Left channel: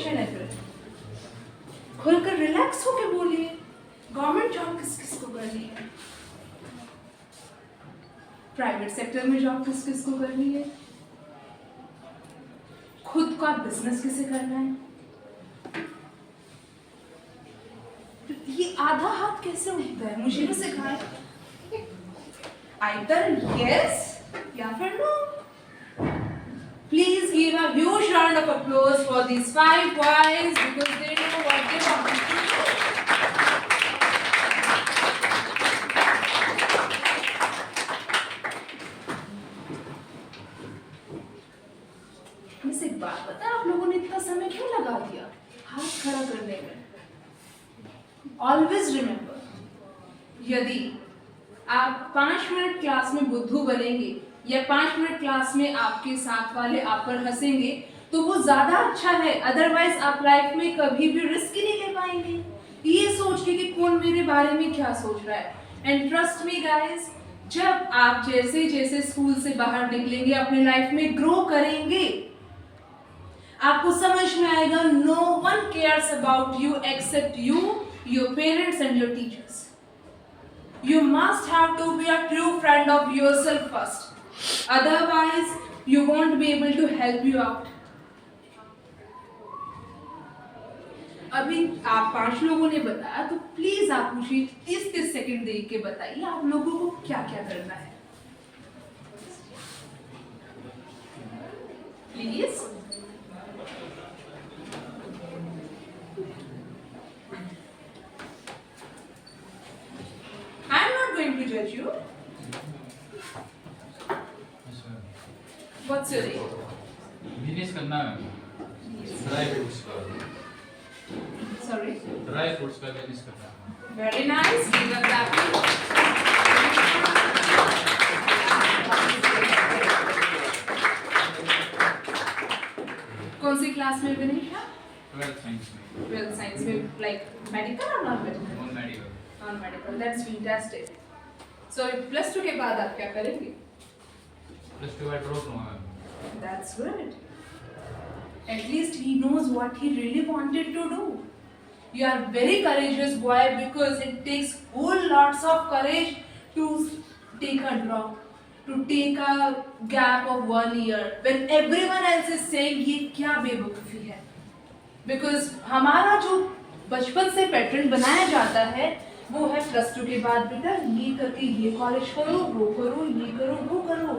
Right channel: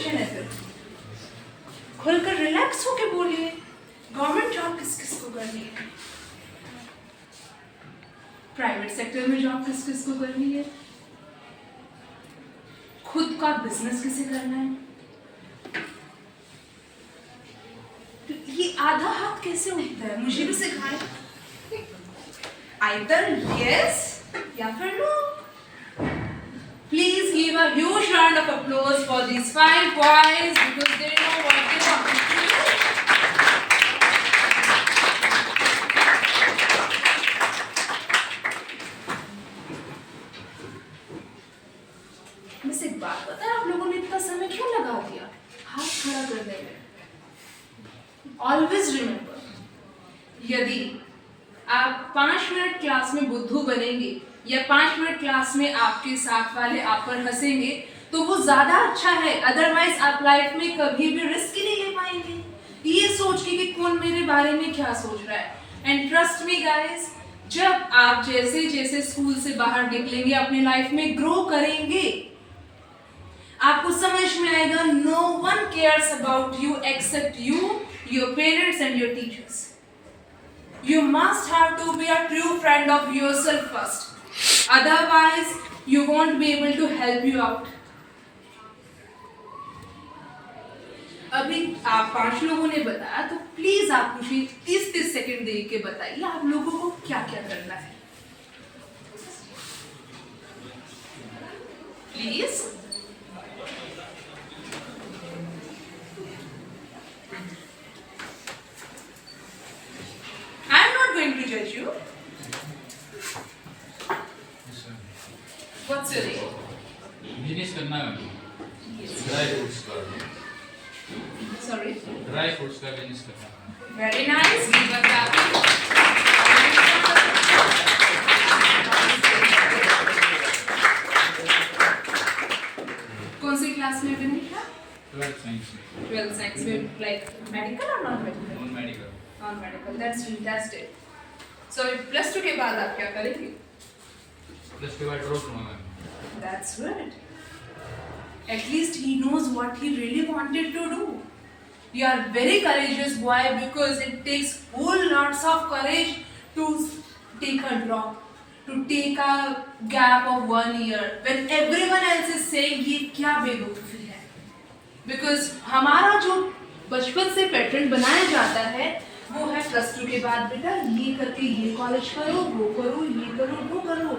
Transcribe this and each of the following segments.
Tension है फिर? खुलकर रिलैक्स होके बोलिए। गवर्नमेंट जॉब किस किस को करनी है? प्राइवेट सेक्टर में जॉब किस किस को करनी है? खुद का बिजनेस किसे करना है? तो ये आधा हाथ कैसे उठता है? मुझे भी सिखाए। Either yes या फिर no. Please give a huge round of applause for these 5 boys because they know what they want to do. बस एक बात बता, आप लोगों ने इतना समय क्यों लगा दिया हाथ खड़ा करने में? Always remember, यदि आप 5 मिनट क्लास में बुद्धू बनेंगे या 5 मिनट क्लास में आपके साथ वाले आप पर हंसेंगे तो वो ज्यादा अच्छा है। अदरवाइज आप लाइफ में कभी भी रिस्क ही नहीं ले पाएंगे ये सोच के कि कौन मेरे बारे में क्या सोच रहा है। एंड ट्रस्ट मी गाइस, जब आप जैसे जैसे स्कूल से बाहर निकलेंगे, अपनी लाइफ में ग्रो करेंगे, आपको समझ में आएगा no one cares about you except you, your parents and your teachers. You must have to be a true friend of yourself first. Otherwise, you won't be able to help you out. अभी आप 5 लोगों ने बताया तो please आप मुझे 30-30 second दे के बताइए आप लोगों को क्या क्या करना है। Please. To judge you. What's your name? Business करना है। Yes. ड्राई फ्रूट्स का। Sorry. ड्राई फ्रूट्स का बिजनेस करना है। Very nice. कौन सी क्लास में बनी है? 12th साइंस में। 12th साइंस में, like medical or non medical? Non medical. Non medical. That's fantastic. So +2 के बाद आप क्या करेंगे? प्लस के बाद ड्रॉप लूंगा। That's good. At least he knows what he really wanted to do. You are very courageous boy because it takes whole lots of courage to take a drop, to take a gap of 1 year when everyone else is saying ये क्या बेवकूफ़ी है। Because हमारा जो बचपन से pattern बनाया जाता है वो है +2 के बाद बेटा ये करके ये कॉलेज करो, वो करो, ये करो, वो करो।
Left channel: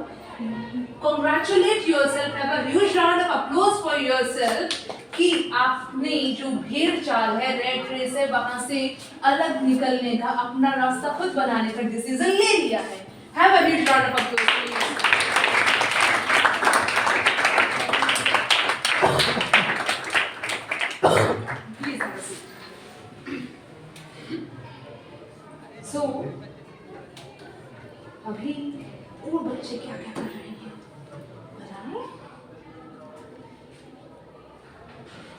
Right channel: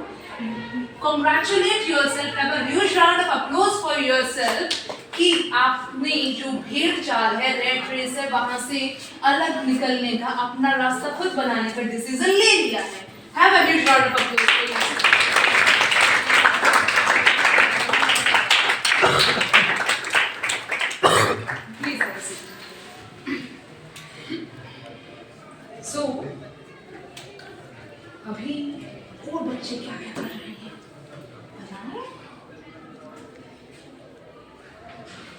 Congratulate yourself, have a huge round of applause for yourself कि आपने जो भेड़ चाल है, रेट रेस है, वहां से अलग निकलने का, अपना रास्ता खुद बनाने का डिसीजन ले लिया है। Have a huge round of applause for yourself. Please have a seat. So, अभी और बच्चे क्या क्या कर रहे हैं बताएं?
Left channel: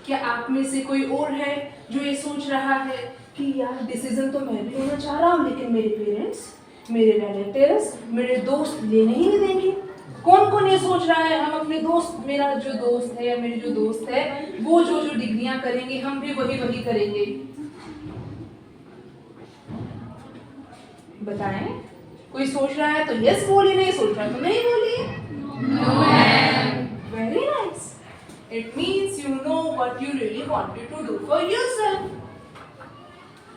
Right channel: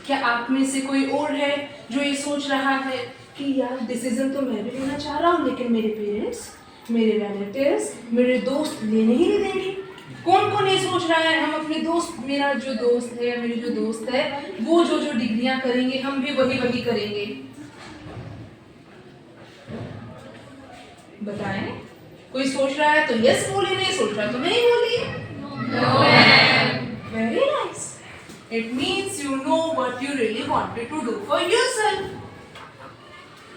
क्या आप में से कोई और है जो ये सोच रहा है कि यार डिसीजन तो मैं भी लेना चाह रहा हूँ लेकिन मेरे पेरेंट्स, मेरे रिलेटिव्स, मेरे दोस्त लेने ही नहीं देंगे? कौन कौन ये सोच रहा है हम अपने दोस्त, मेरा जो दोस्त है या मेरी जो दोस्त है वो जो जो डिग्रियां करेंगे हम भी वही करेंगे? बताएं। कोई सोच रहा है तो यस बोलिए, नहीं सोच रहा तो नहीं बोलिए। Very nice. It means you know what you really wanted to do for yourself.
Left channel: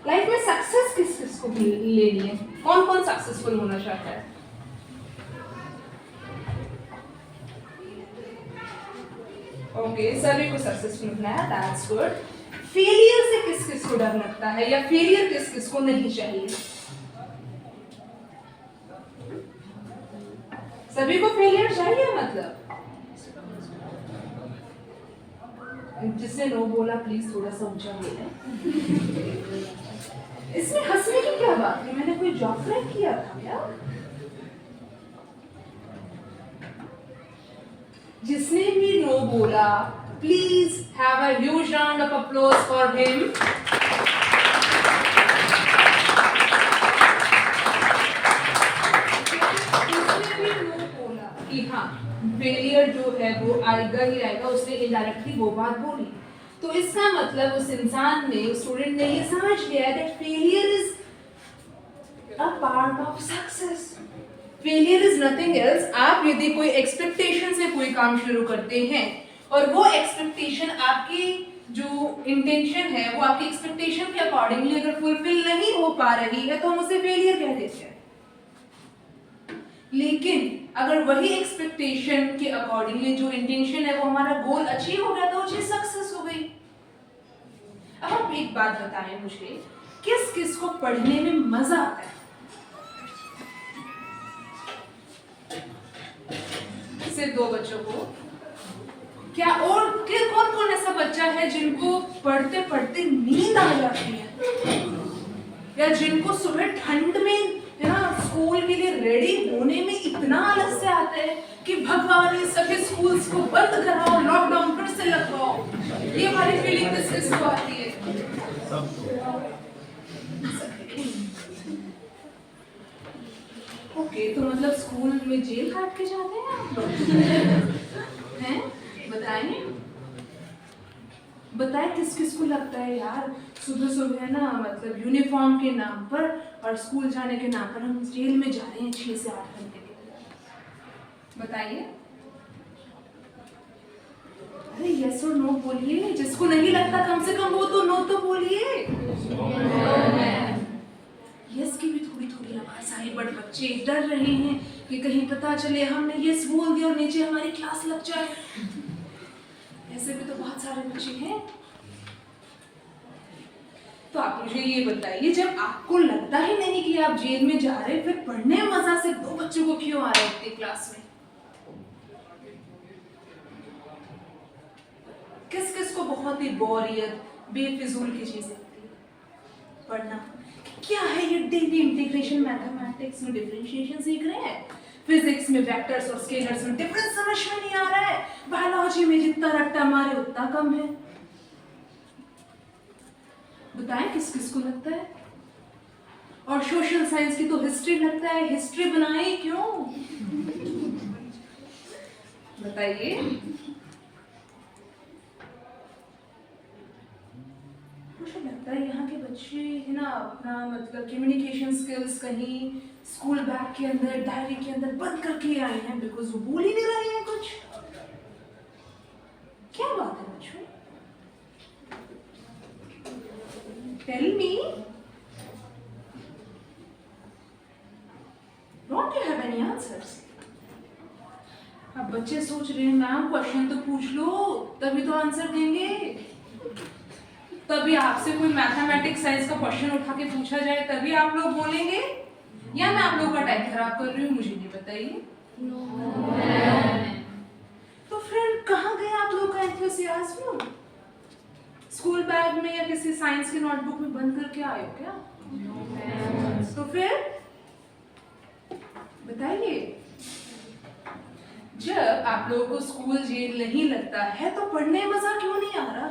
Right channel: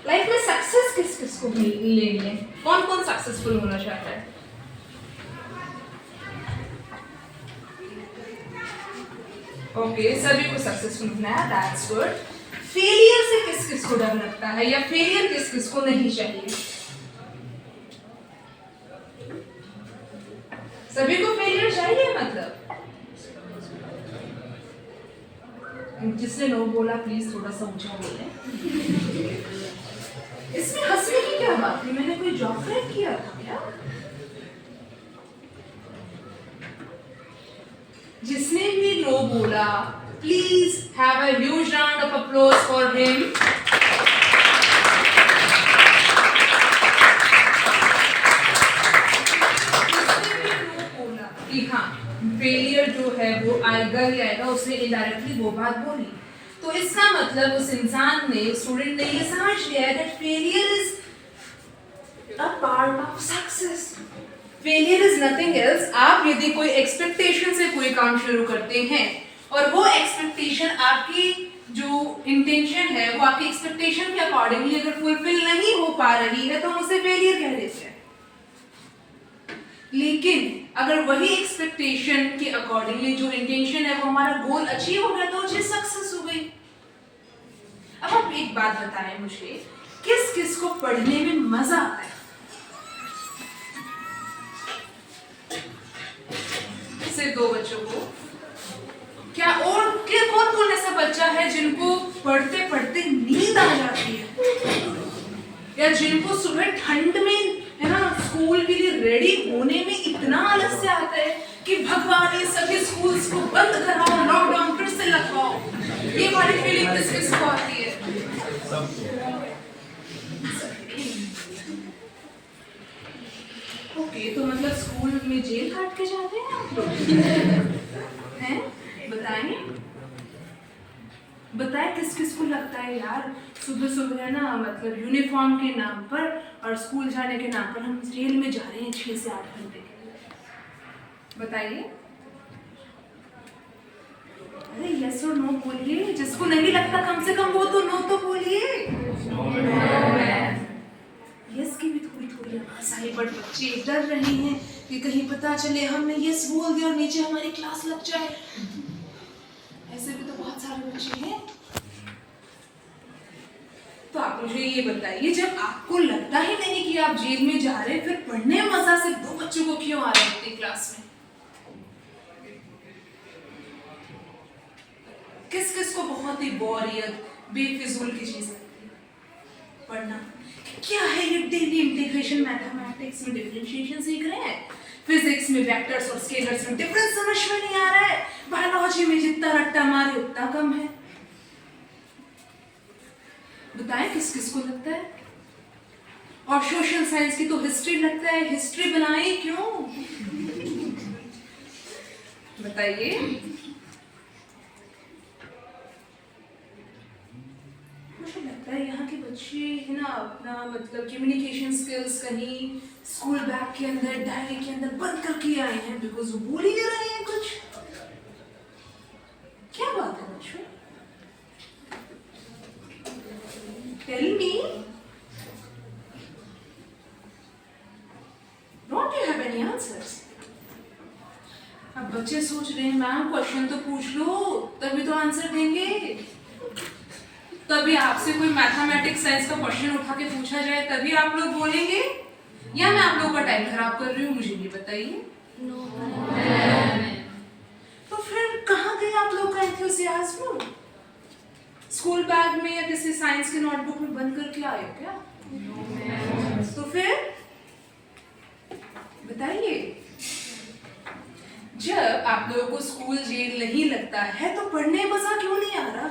Life में सक्सेस किस किस को लेनी है? कौन कौन सक्सेसफुल होना चाहता है? ओके, सभी को सक्सेसफुल होना है, दैट्स गुड। फेलियर से किस किस को डर लगता है या फेलियर किस किस को नहीं चाहिए? सभी को फेलियर चाहिए मतलब? जिसने नो बोला प्लीज थोड़ा सा ऊंचा बोले। इसमें हंसने की क्या बात है? मैंने कोई जॉब क्रैक किया था क्या? जिसने भी नो बोला please have a huge round of applause for him. कि हाँ फेलियर जो है वो आएगा ही आएगा, उसने इनडायरेक्टली वो बात बोली। तो इसका मतलब उस इंसान ने, उस स्टूडेंट ने ये समझ लिया that failure is a part of success. Failure is nothing else. आप यदि कोई एक्सपेक्टेशन से कोई काम शुरू करते हैं और वो एक्सपेक्टेशन आपकी जो इंटेंशन है वो आपकी एक्सपेक्टेशन के अकॉर्डिंगली अगर फुलफिल नहीं हो पा रही है तो हम उसे फेलियर कह देते हैं। लेकिन अगर वही एक्सपेक्टेशन के अकॉर्डिंगली जो इंटेंशन है वो हमारा गोल अचीव हो गया तो वो चीज सक्सेस हो गई। अब आप एक बात बताएं मुझे, किस किस को पढ़ने में मजा आता है? सिर्फ दो बच्चों को? क्या और कौन कौन ऐसा बच्चा है जिनको पढ़ते पढ़ते नींद आ जाती है, या जिनको सुबह ठंड में है ना स्कूल के लिए रेडी होने में इतना आलस्य आता है कि भगवान ये सभी स्कूल्स को बंद कराओ, लॉकडाउन फिर से लगवाओ। ये वाली फीलिंग किस किस को आती है? ओके, तो मतलब स्कूल में जेल काट के जाते हैं आप लोग हैं? बताएं किस किस को लगता है यार सुबह सुबह ना मतलब यूनिफॉर्म के नाम पर और स्कूल जाने के नाम पर हम जेल में जा रहे हैं 6 से 8 घंटे के लिए? बताइए। अरे यस और नो बोलिए। जिसको नहीं लगता कम से कम वो तो नो तो बोलिए। यस की भी थोड़ी थोड़ी आवाज आई, बट बच्चे डर रहे हैं कि कहीं पता चले हमने यस बोल दिया और नीचे हमारी क्लास लग जाए। ऐसे भी तो बहुत सारे बच्चे हैं। तो आप मुझे ये बताइए, जब आपको लगता ही नहीं कि आप जेल में जा रहे, फिर पढ़ने में मजा सिर्फ 2 बच्चों को क्यों आ रहा है अपनी क्लास में? किस किस को बहुत ही बोरियत, बेफिजूल की चीज लगती है? पढ़ना। क्या है ये डेली इंटीग्रेशन, मैथमेटिक्स में डिफरेंशिएशन सीख रहे हैं, फिजिक्स में वेक्टर्स और स्केलर्स में डिफरेंस समझ में नहीं आ रहा है, बायोलॉजी में जितना रट्टा मारे उतना कम है। बताएं किस किस को लगता है? और सोशल साइंस की तो हिस्ट्री लगता है, हिस्ट्री बनाए क्यों? बताइए। मुझे लगता है यहाँ के बच्चे है ना अपना मतलब कम्युनिकेशन स्किल्स कहीं स्कूल बैग के अंदर, डायरी के अंदर बंद करके आए हैं, बिकॉज वो बोल ही नहीं रहे हैं कुछ। क्या बात है बच्चों? Tell me, don't you have any answers? अब बच्चे सोच रहे हैं मैम क्वेश्चन तो पूछ लो तभी तो आंसर देंगे। तभी आपसे कोई मैथमेटिक्स साइंस का क्वेश्चन उठा के पूछा जाए तभी आप लोग बोलेंगे, या मैं आप लोगों का टाइम खराब कर रही हूँ? मुझे ये बताइए। तो फिर कहाँ गए आप लोग का एंथुसियाज्म? स्कूल बैग में या किसी साइंस की नोटबुक में बंद करके आए हो क्या? तो फिर बताइए, जब आप लोगों को स्कूल जेल नहीं लगता है तो पढ़ने में मजा क्यों नहीं आ रहा?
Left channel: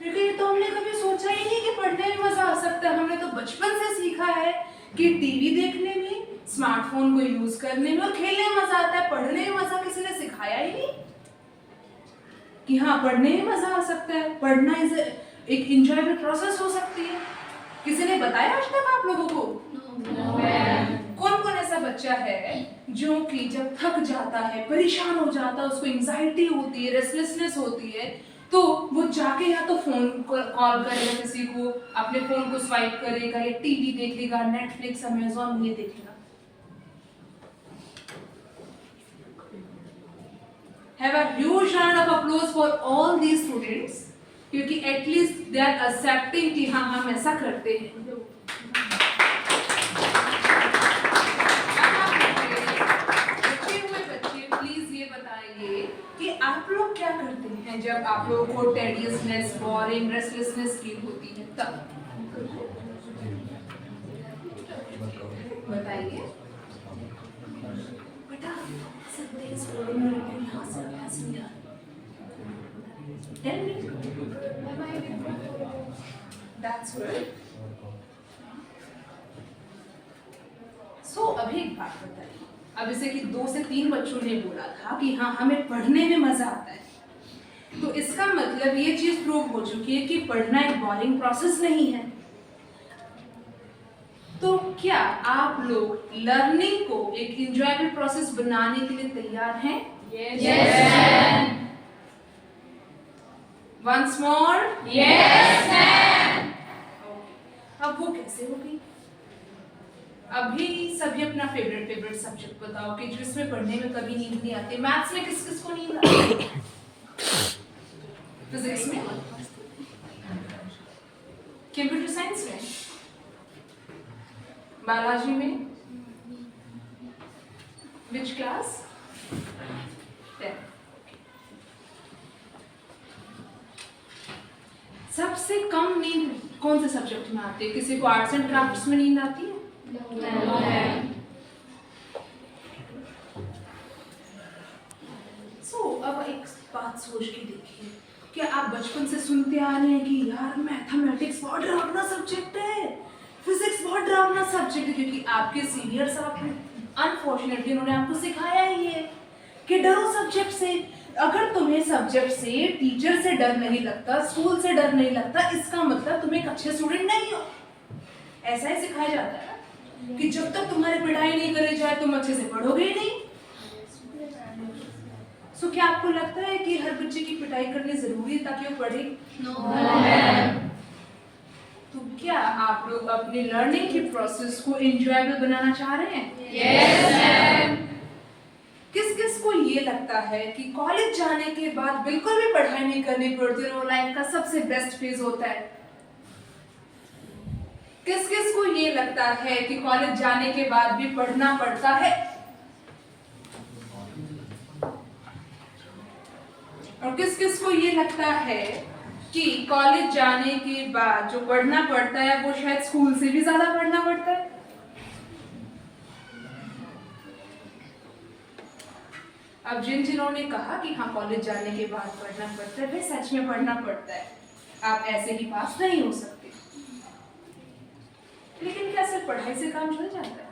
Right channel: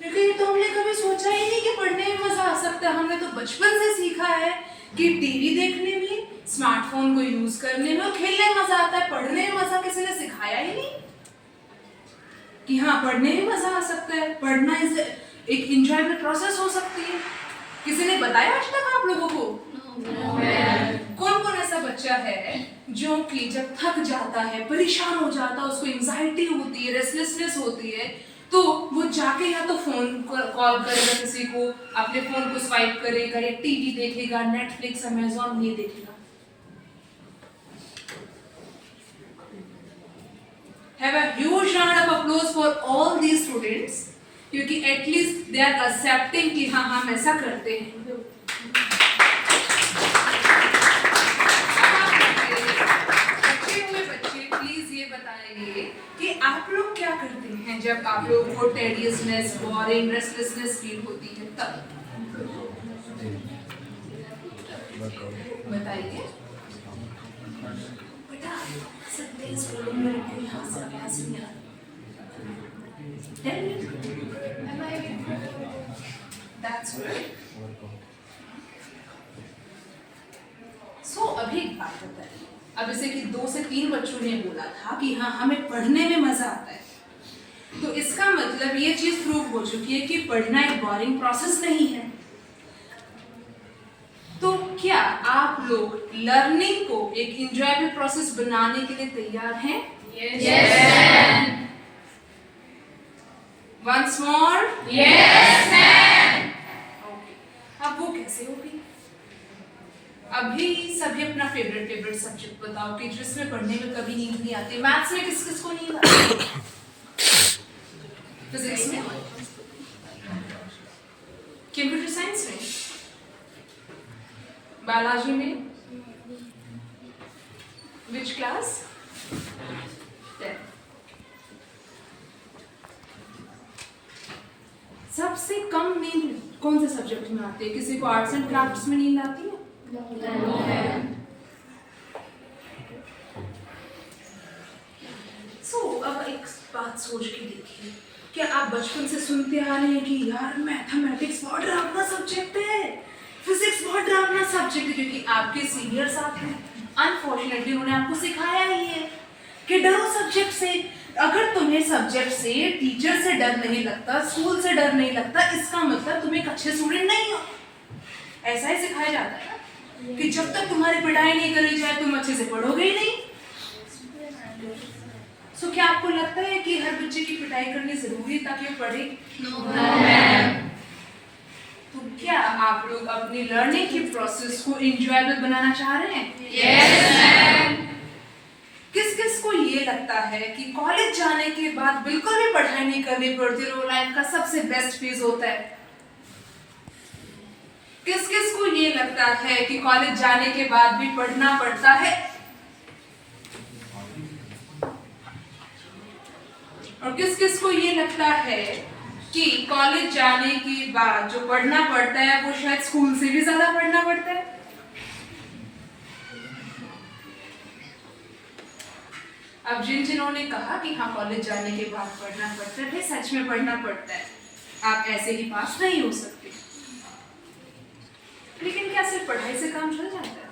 क्योंकि ये तो हमने कभी सोचा ही नहीं कि पढ़ने में मजा आ सकता है। हमने तो बचपन से सीखा है कि टीवी देखने में, स्मार्टफोन को यूज करने में और खेलने में मजा आता है, पढ़ने में मजा किसी ने सिखाया ही नहीं कि हाँ पढ़ने में मजा आ सकता है, पढ़ना इज एक इंजॉयबल प्रोसेस हो सकती है। किसी ने बताया आज तक आप लोगों को? कौन कौन ऐसा बच्चा है जो कि जब थक जाता है, परेशान हो जाता है, उसको एंजाइटी होती है, रेस्टलेसनेस होती है, तो वो जाके या तो फोन कॉल करेगा किसी को, अपने फोन को स्वाइप करेगा या टीवी देखेगा, नेटफ्लिक्स, अमेज़न ये देखेगा। Have a huge round of applause for all these students, क्योंकि एटलीस्ट दे आर एक्सेप्टिंग कि हाँ हम ऐसा करते हैं। कि आप लोग क्या करते हैं जब आप लोगों को टेडियसनेस, बोरिंग, रेस्टलेसनेस फील होती है तब? बताइए बेटा। That's good. So अभी एक बात बताइए, अब जैसे कि 2 से 3 बच्चों ने बोला था कि हाँ हमें पढ़ने में मजा आता है, तो इसका मतलब ये चीज प्रूव हो चुकी है कि पढ़ना एक बोरिंग प्रोसेस नहीं है। तो क्या आप लोग लर्निंग को एक इंजॉयबल प्रोसेस बनाने के लिए तैयार हैं? Yes, once more yes, ma'am. अब वो कैसे होगी? अभी सभी अपना फेवरेट सब्जेक्ट बताओ कि जिसमें पढ़ने में कभी नींद नहीं आती। मैथ्स में किस किस को नींद आती है? फिजिक्स में, कंप्यूटर साइंस में, बायोलॉजी में, विच क्लास? 10। सबसे कम नींद कौन से सब्जेक्ट में आती है? किसी को आर्ट्स एंड क्राफ्ट्स में नींद आती है? अब एक बात सोच के देखिए, क्या आप बचपन से सुनते आ रहे हैं कि यार मैथमेटिक्स बहुत डरावना सब्जेक्ट है, फिजिक्स बहुत डरावना सब्जेक्ट है, क्योंकि आपके सीनियर साहब हैं, अनफॉर्चुनेटली उन्होंने आपको सिखाया ही है कि डरो सब्जेक्ट से। अगर तुम्हें सब्जेक्ट से, टीचर से डर नहीं लगता, स्कूल से डर नहीं लगता, इसका मतलब तुम एक अच्छे स्टूडेंट नहीं हो। ऐसा ही सिखाया जाता है ना कि जब तक तुम्हारी पिटाई नहीं करी जाए तुम अच्छे से पढ़ोगे ही नहीं। सो क्या आपको लगता है कि हर बच्चे की पिटाई करनी जरूरी ताकि वो पढ़े? तो क्या आप लोग अपनी लर्निंग की प्रोसेस को एंजॉयबल बनाना चाह रहे हैं? Yes, किस किस को ये लगता है कि कॉलेज जाने के बाद बिल्कुल भी पढ़ाई नहीं करनी पड़ती और वो लाइफ का सबसे बेस्ट फेज होता है? किस किस को ये लगता है कि कॉलेज जाने के बाद भी पढ़ना पड़ता है? और किस किस को ये लगता है कि कॉलेज जाने के बाद जो पढ़ना पड़ता है वो शायद स्कूल से भी ज्यादा पढ़ना पड़ता है? अब जिन्होंने कहा कि हाँ कॉलेज जाने के बाद पढ़ना पड़ता है, सच में पढ़ना पड़ता है, आप ऐसे ही पास नहीं हो सकते। लेकिन क्या सिर्फ पढ़ाई से काम चल जाता है?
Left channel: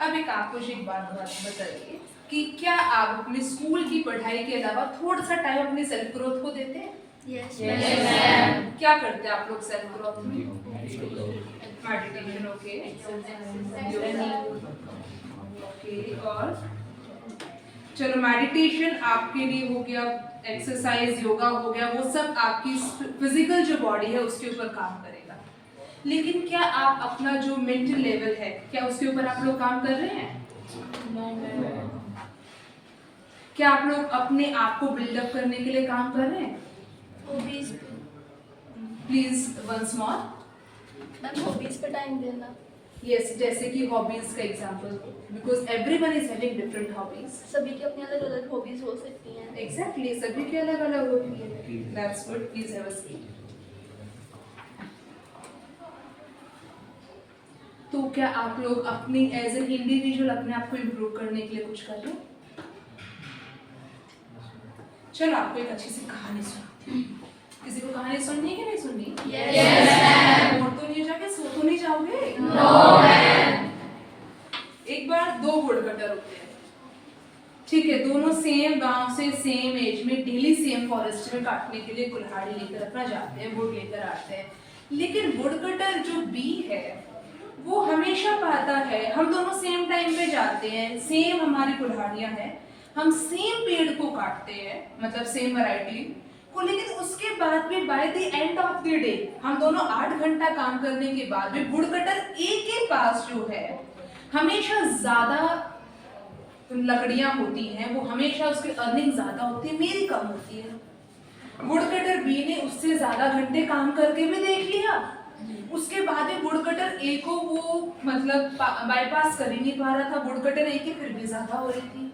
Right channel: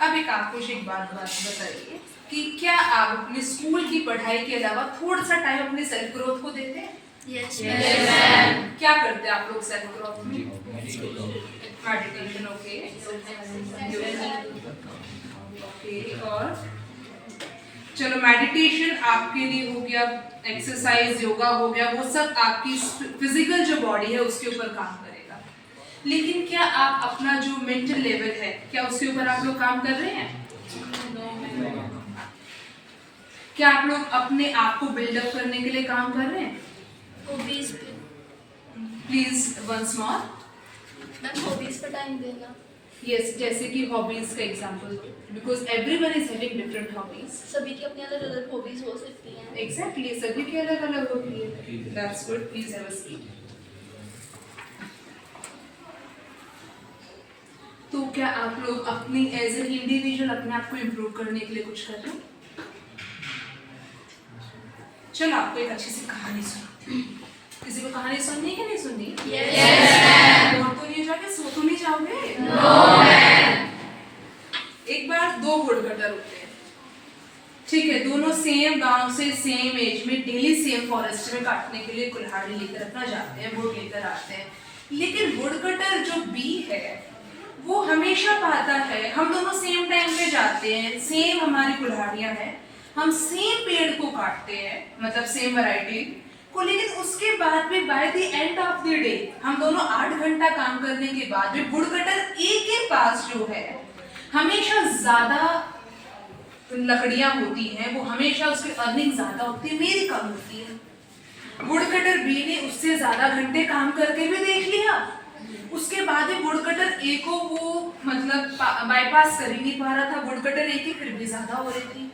अब एक मुझे एक बात बताइए कि क्या आप अपने स्कूल की पढ़ाई के अलावा थोड़ा सा टाइम अपने सेल्फ ग्रोथ को देते हैं? yes, क्या करते हैं आप लोग सेल्फ ग्रोथ में? मेडिटेशन, ओके, और चलो मेडिटेशन आपके लिए हो गया, एक्सरसाइज योगा हो गया, वो सब आपकी फिजिकल जो बॉडी है उसके ऊपर काम करेगा। लेकिन क्या आप अपना जो मेंटल लेवल है क्या उसके ऊपर आप लोग काम कर रहे हैं? क्या आप लोग अपने आप को बिल्डअप करने के लिए काम कर रहे हैं? Hobbies please once more. Ma'am, hobbies पर टाइम देना। यस, जैसे कि हॉबीज का example, because everyone is having different hobbies. सभी की अपनी अलग अलग हॉबीज हो सकती हैं। एग्जैक्टली, सभी की अलग अलग होती है। That's good, please have a seat. तो क्या आप लोग अपनी एज एन इंडिविजुअल अपने आप को इम्प्रूव करने के लिए कुछ कर रहे हैं? चलो आपको एक अच्छी सी कहानी सुनाती हूँ। किसी को कहानी सुननी है कि नहीं सुननी? Yes, और तो नहीं जाके सो तो नहीं जाओगे? No, एक बार दो वुडकटर होते हैं, ठीक है, दोनों सेम गांव से सेम एज में डेली सेम फॉरेस्ट में काटने के लिए कुल्हाड़ी लेकर अपना जाते हैं, वुड लेकर आते हैं। लेकिन वुडकटर जो बी है वो हमेशा पाता है, हम दोनों सेम टाइम पे जाते हैं, सेम हमारी कुल्हाड़ियां हैं, हम सेम पेड़ को काटते हैं, मतलब सेम वैरायटी को, लेकिन उसके बाद भी by the end of the day हम दोनों 8 घंटा काम करने के बाद भी वुडकटर एक के पास जो है हमेशा ज्यादा लकड़ियां होती हैं, वो हमेशा उसकी अर्निंग ज्यादा होती है, मेरी कम होती है। वुडकटर बी ने उससे ज्यादा घंटे काम करके भी देख लिया, उसके बाद भी वुडकटर ए को वो मतलब बाईपास कर ही नहीं पा रहा था, वुडकटर ए की फिर भी ज्यादा हो रही थी।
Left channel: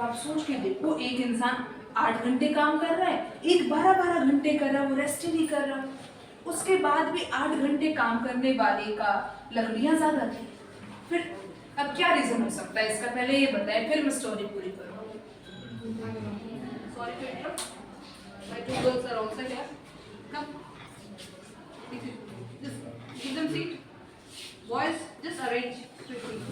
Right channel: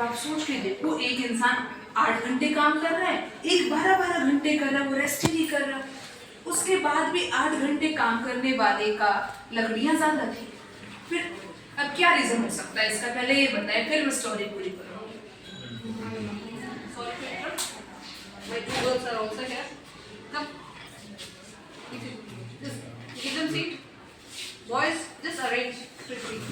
आप सोच के देखो, एक इंसान 8 घंटे काम कर रहा है, एक 12-12 घंटे कर रहा है, वो रेस्ट ही नहीं कर रहा, उसके बाद भी 8 घंटे काम करने वाले का लकड़ियां ज्यादा थी। फिर अब क्या रीजन हो सकता है इसका, पहले ये बताए फिर मैं स्टोरी पूरी करूंगी। Sorry my two girls are also here. Come. Just give them seat. Boys, just arrange to seat.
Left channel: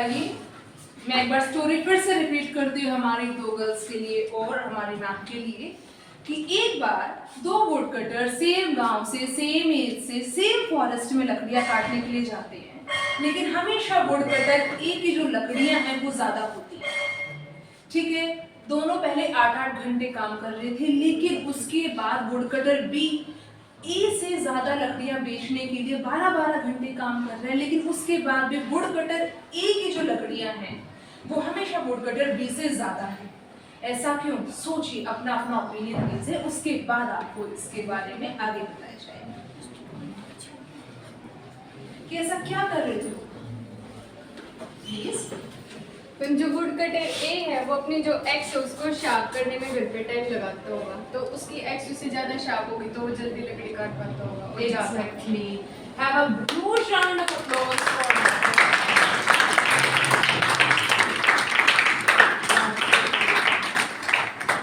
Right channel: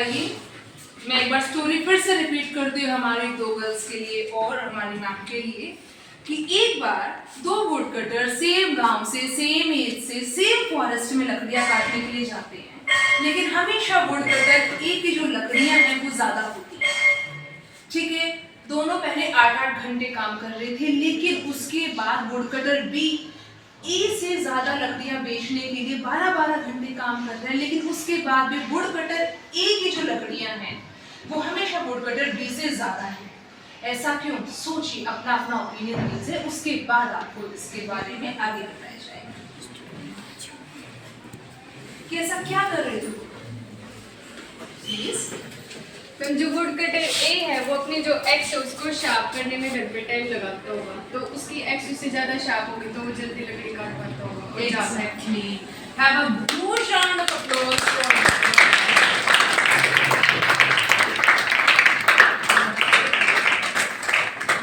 आइए मैं एक बार स्टोरी फिर से रिपीट करती हूँ हमारी दो गर्ल्स के लिए और हमारी मैम के लिए कि एक बार दो वुड कटर सेम गांव से सेम एज से सेम फॉरेस्ट में लकड़ियां काटने के लिए जाते हैं, लेकिन हमेशा वुड कटर ए की जो लकड़ियां हैं वो ज्यादा होती हैं। ठीक है, दोनों पहले 8-8 घंटे काम कर रहे थे, लेकिन उसके बाद वुड कटर बी ए से ज्यादा लकड़ियां बेचने के लिए 12-12 घंटे काम कर रहे हैं, लेकिन उसके बाद भी वुड कटर ए की जो लकड़ियां हैं वो हमेशा वुड कटर बी से ज्यादा है। ऐसा क्यों? सोचिए, अपना अपना ओपिनियन दीजिए, उसके बाद आपको इसके बारे में आगे बताया जाएगा कि ऐसा क्या कर रहे थे प्लीज। तो जो वुड कटर ए है वो अपनी जो एक्स है उसको शार्प करने में घंटे टाइम लगाता होगा, तो उसकी एक्स उससे ज्यादा शार्प होगी तो वो जल्दी लकड़ी काट पाता होगा और ज्यादा Exactly. Have a huge round of applause for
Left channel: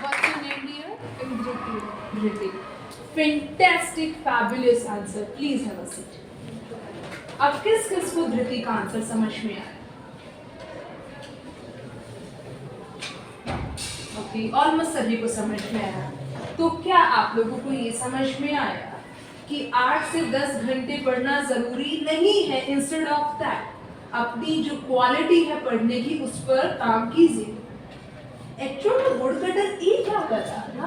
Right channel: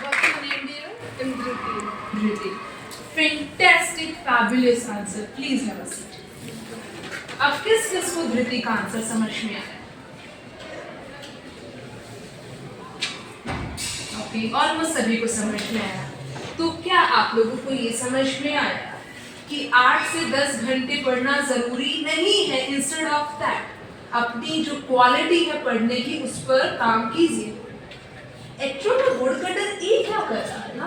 what's your name, dear? इंद्रती। Dhruti. Fantastic, fabulous answer. Please have a seat. अब किस किस को धृति का आंसर समझ में आया? ओके, ऑलमोस्ट सभी को समझ में आया। तो क्या आप लोगों को ये समझ में आया कि 8 से 10 घंटे पढ़ना जरूरी नहीं है? इंस्टेड ऑफ दैट अपनी जो क्वालिटी है पढ़ने की उस पर काम कीजिए। एक्चुअली वुड कटर ये क्या कर रहा है ना,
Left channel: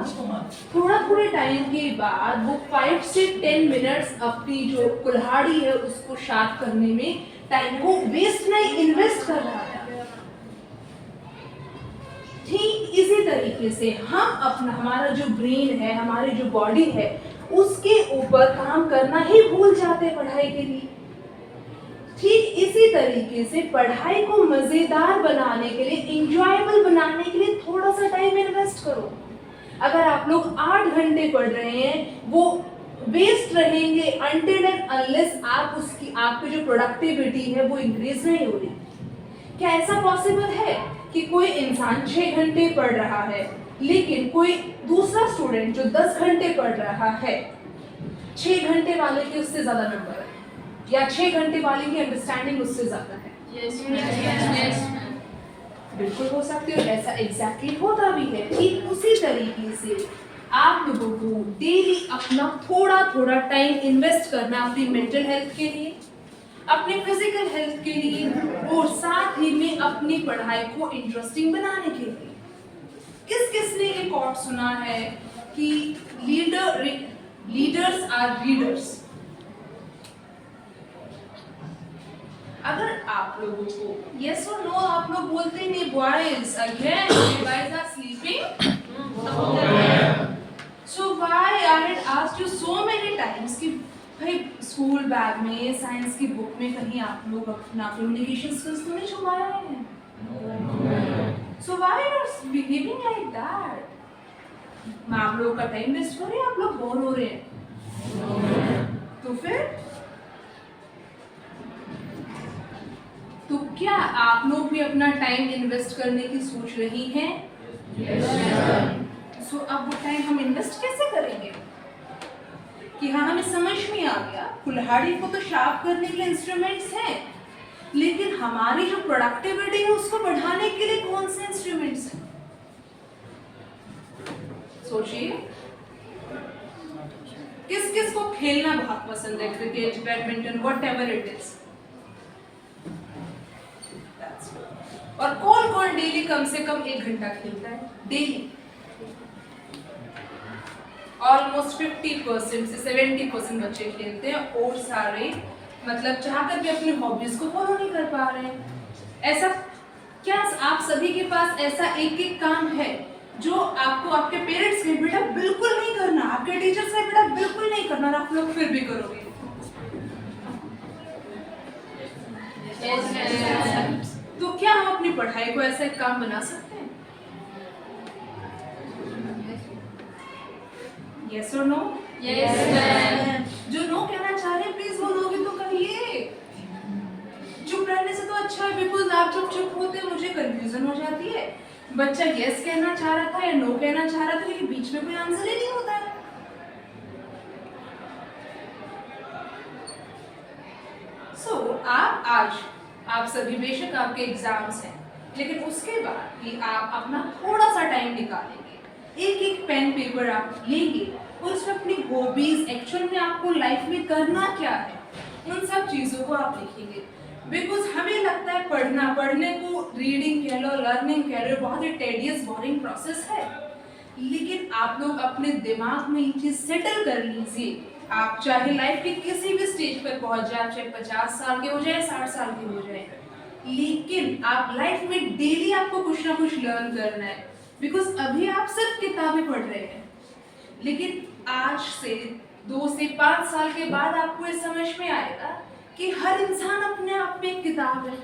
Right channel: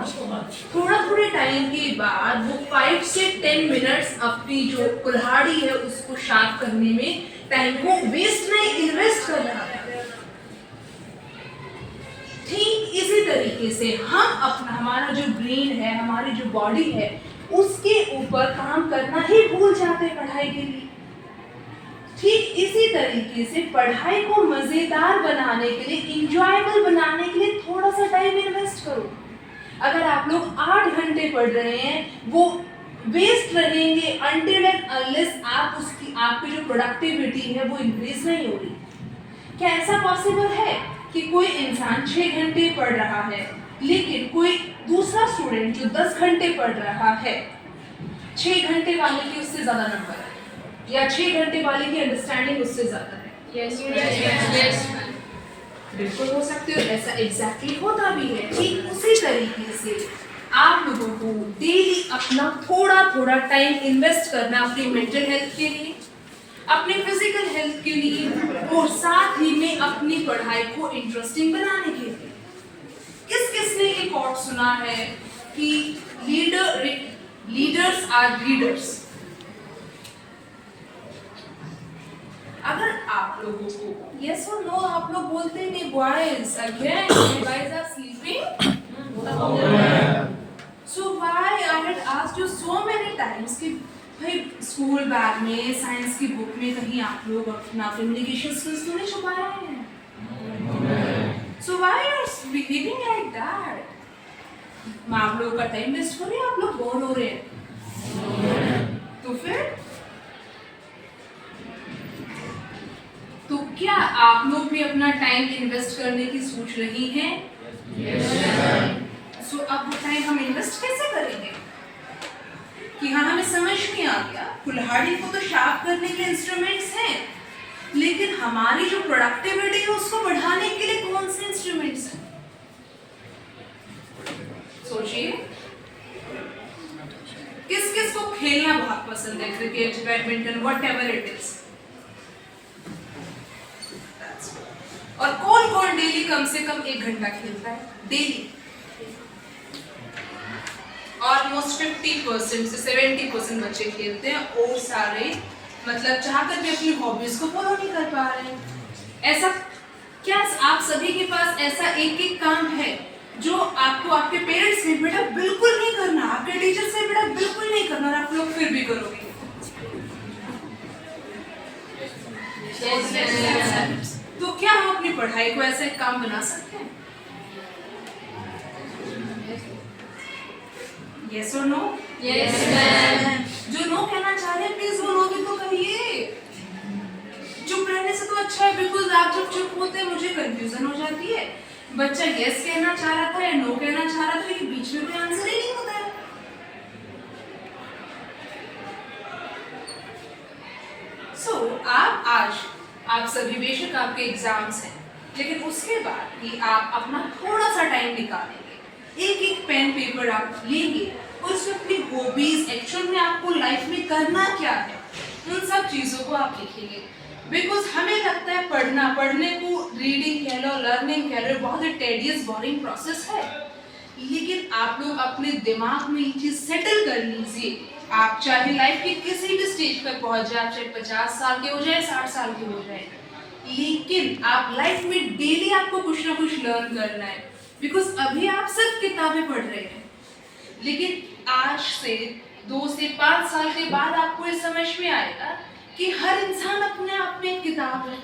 थोड़े टाइम के बाद वो 5 से 10 मिनट्स अपनी जो कुल्हाड़ी है उसको शार्प करने में टाइम को वेस्ट नहीं, इन्वेस्ट कर रहा है। ठीक इसी तरीके से हम अपना हमारा जो ब्रेन है, हमारी जो बॉडी है, उसके ऊपर काम करना ही भूल जाते हैं पढ़ाई के लिए। ठीक इसी तरीके से पढ़ाई को मजेदार बनाने के लिए, इंजॉयबल बनाने के लिए थोड़ा सा टाइम इन्वेस्ट करो। अगर आप लोग 8 घंटे पढ़ रहे हैं वो वेस्ट रहेंगे अनटिल एंड अनलेस आप उसकी आपकी जो प्रोडक्टिविटी है वो इंक्रीज नहीं हो रही। क्या ऐसा पॉसिबल है कि कोई इंसान 6 घंटे पढ़ रहा है लेकिन कोई दूसरा स्टूडेंट जो 10 घंटे पढ़ रहा है, 6 घंटे वाले की उससे ज्यादा नंबर है या 6 घंटे वाले की अंडरस्टैंडिंग उससे ज्यादा है? यस बिल्कुल हो सकती है, ऐसा एग्जैक्टली होता भी है। ठीक उसी तरीके से आप लोगों को डेली अपना थोड़ा टाइम इन्वेस्ट करना अपनी मेंटल हेल्थ के लिए, अपने फिजिकल हेल्थ के लिए और साथ ही में अपनी पढ़ाई को इंटरेस्टिंग बनाने के लिए। किस किस ने एक और सुना है कि लीडर्स आर रीडर्स? अगर आप लोगों को यस और नो आप लोग बोलते नहीं, boys again guys are sleeping, so why I had asked you so many times कि भाई स्कूल बैग में साइंस की बुक में कहीं आप लोग अपना कम्युनिकेशन स्किल्स तो नहीं छुपाया है? So why you are behaving like that? मैं आप लोगों का टाइम वेस्ट कर रही हूं, आप लोग बोर हो रहे हैं तो फिर तो क्या आप लोग भी अपना टाइम इन्वेस्ट करने की सोच रही हैं? सो अब वो टाइम हम इन्वेस्ट कैसे करेंगे कि हाँ हमें समझ में आ गया कुल्हाड़ी को तो शार्प करने के इंस्ट्रूमेंट्स हैं, लेकिन हमारी जो प्रोडक्टिविटी है उसको बढ़ाने के लिए कौन से इंस्ट्रूमेंट्स हैं? सोचिए, किस किस को खेलना बहुत पसंद है? Cricket, badminton, whatever it is. और कौन कौन डेली कम से कम 1 घंटा खेलता है? डेली ऑलमोस्ट 50% से 70% बच्चे खेलते हैं और सारे मतलब चाहकर भी अपनी हॉबीज को फॉलो नहीं कर पा रहे हैं। ऐसा क्या आप सभी के पास ऐसा एक काम है जो आपको आपके पेरेंट्स ने बेटा बिल्कुल नहीं करना, आपके टीचर से बेटा बिल्कुल नहीं करना, और आप लोग फिर भी करोगे? तो क्या हम अपनी पढ़ाई को ऐसा एक काम बना सकते हैं? यस और नो? Yes ma'am. जो नो कहना चाह रहे हैं प्लीज वो नो भी तो कहिए। चुप रहने से तो अच्छा है, बिकॉज आप जब चुप होते हैं मुझे कंफ्यूजन हो जाती है। बच्चा यस कहना चाह रहा था या नो कहना चाह रहा था, ये बीच में कोई आंसर ही नहीं होता है। सो आप आज आप सभी बेशक आपके एग्जाम्स हैं, लेकिन उसके बाद भी आप अपना थोड़ा सा टाइम निकालेंगे, एक एक पेन पेपर आप लेंगे और उसमें अपनी हॉबीज, एक्चुअल में आपको लाइफ में करना क्या है, उन सब चीज़ों को आप लिखेंगे। बिकॉज हमें लगता है पढ़ने को रीडिंग कह लो, लर्निंग कह लो, बहुत ही टेडियस बोरिंग प्रोसेस है, लेकिन आप लोग अपने दिमाग में ये चीज़ सेटल कर लीजिए। आप चाहे लाइफ के किसी भी स्टेज पर पहुंच जाए, चाहे 50 साल के हो जाए, 60 साल के हो जाए, लेकिन आप लाइफ में डेली आपको कुछ ना कुछ लर्न करना है। बिकॉज अभी आप सिर्फ किताबें पढ़ रहे हैं, लेकिन आज से 2 से 5 साल के बाद आपको ये समझ में आएगा कि हर इंसान अपने आप में एक किताब है।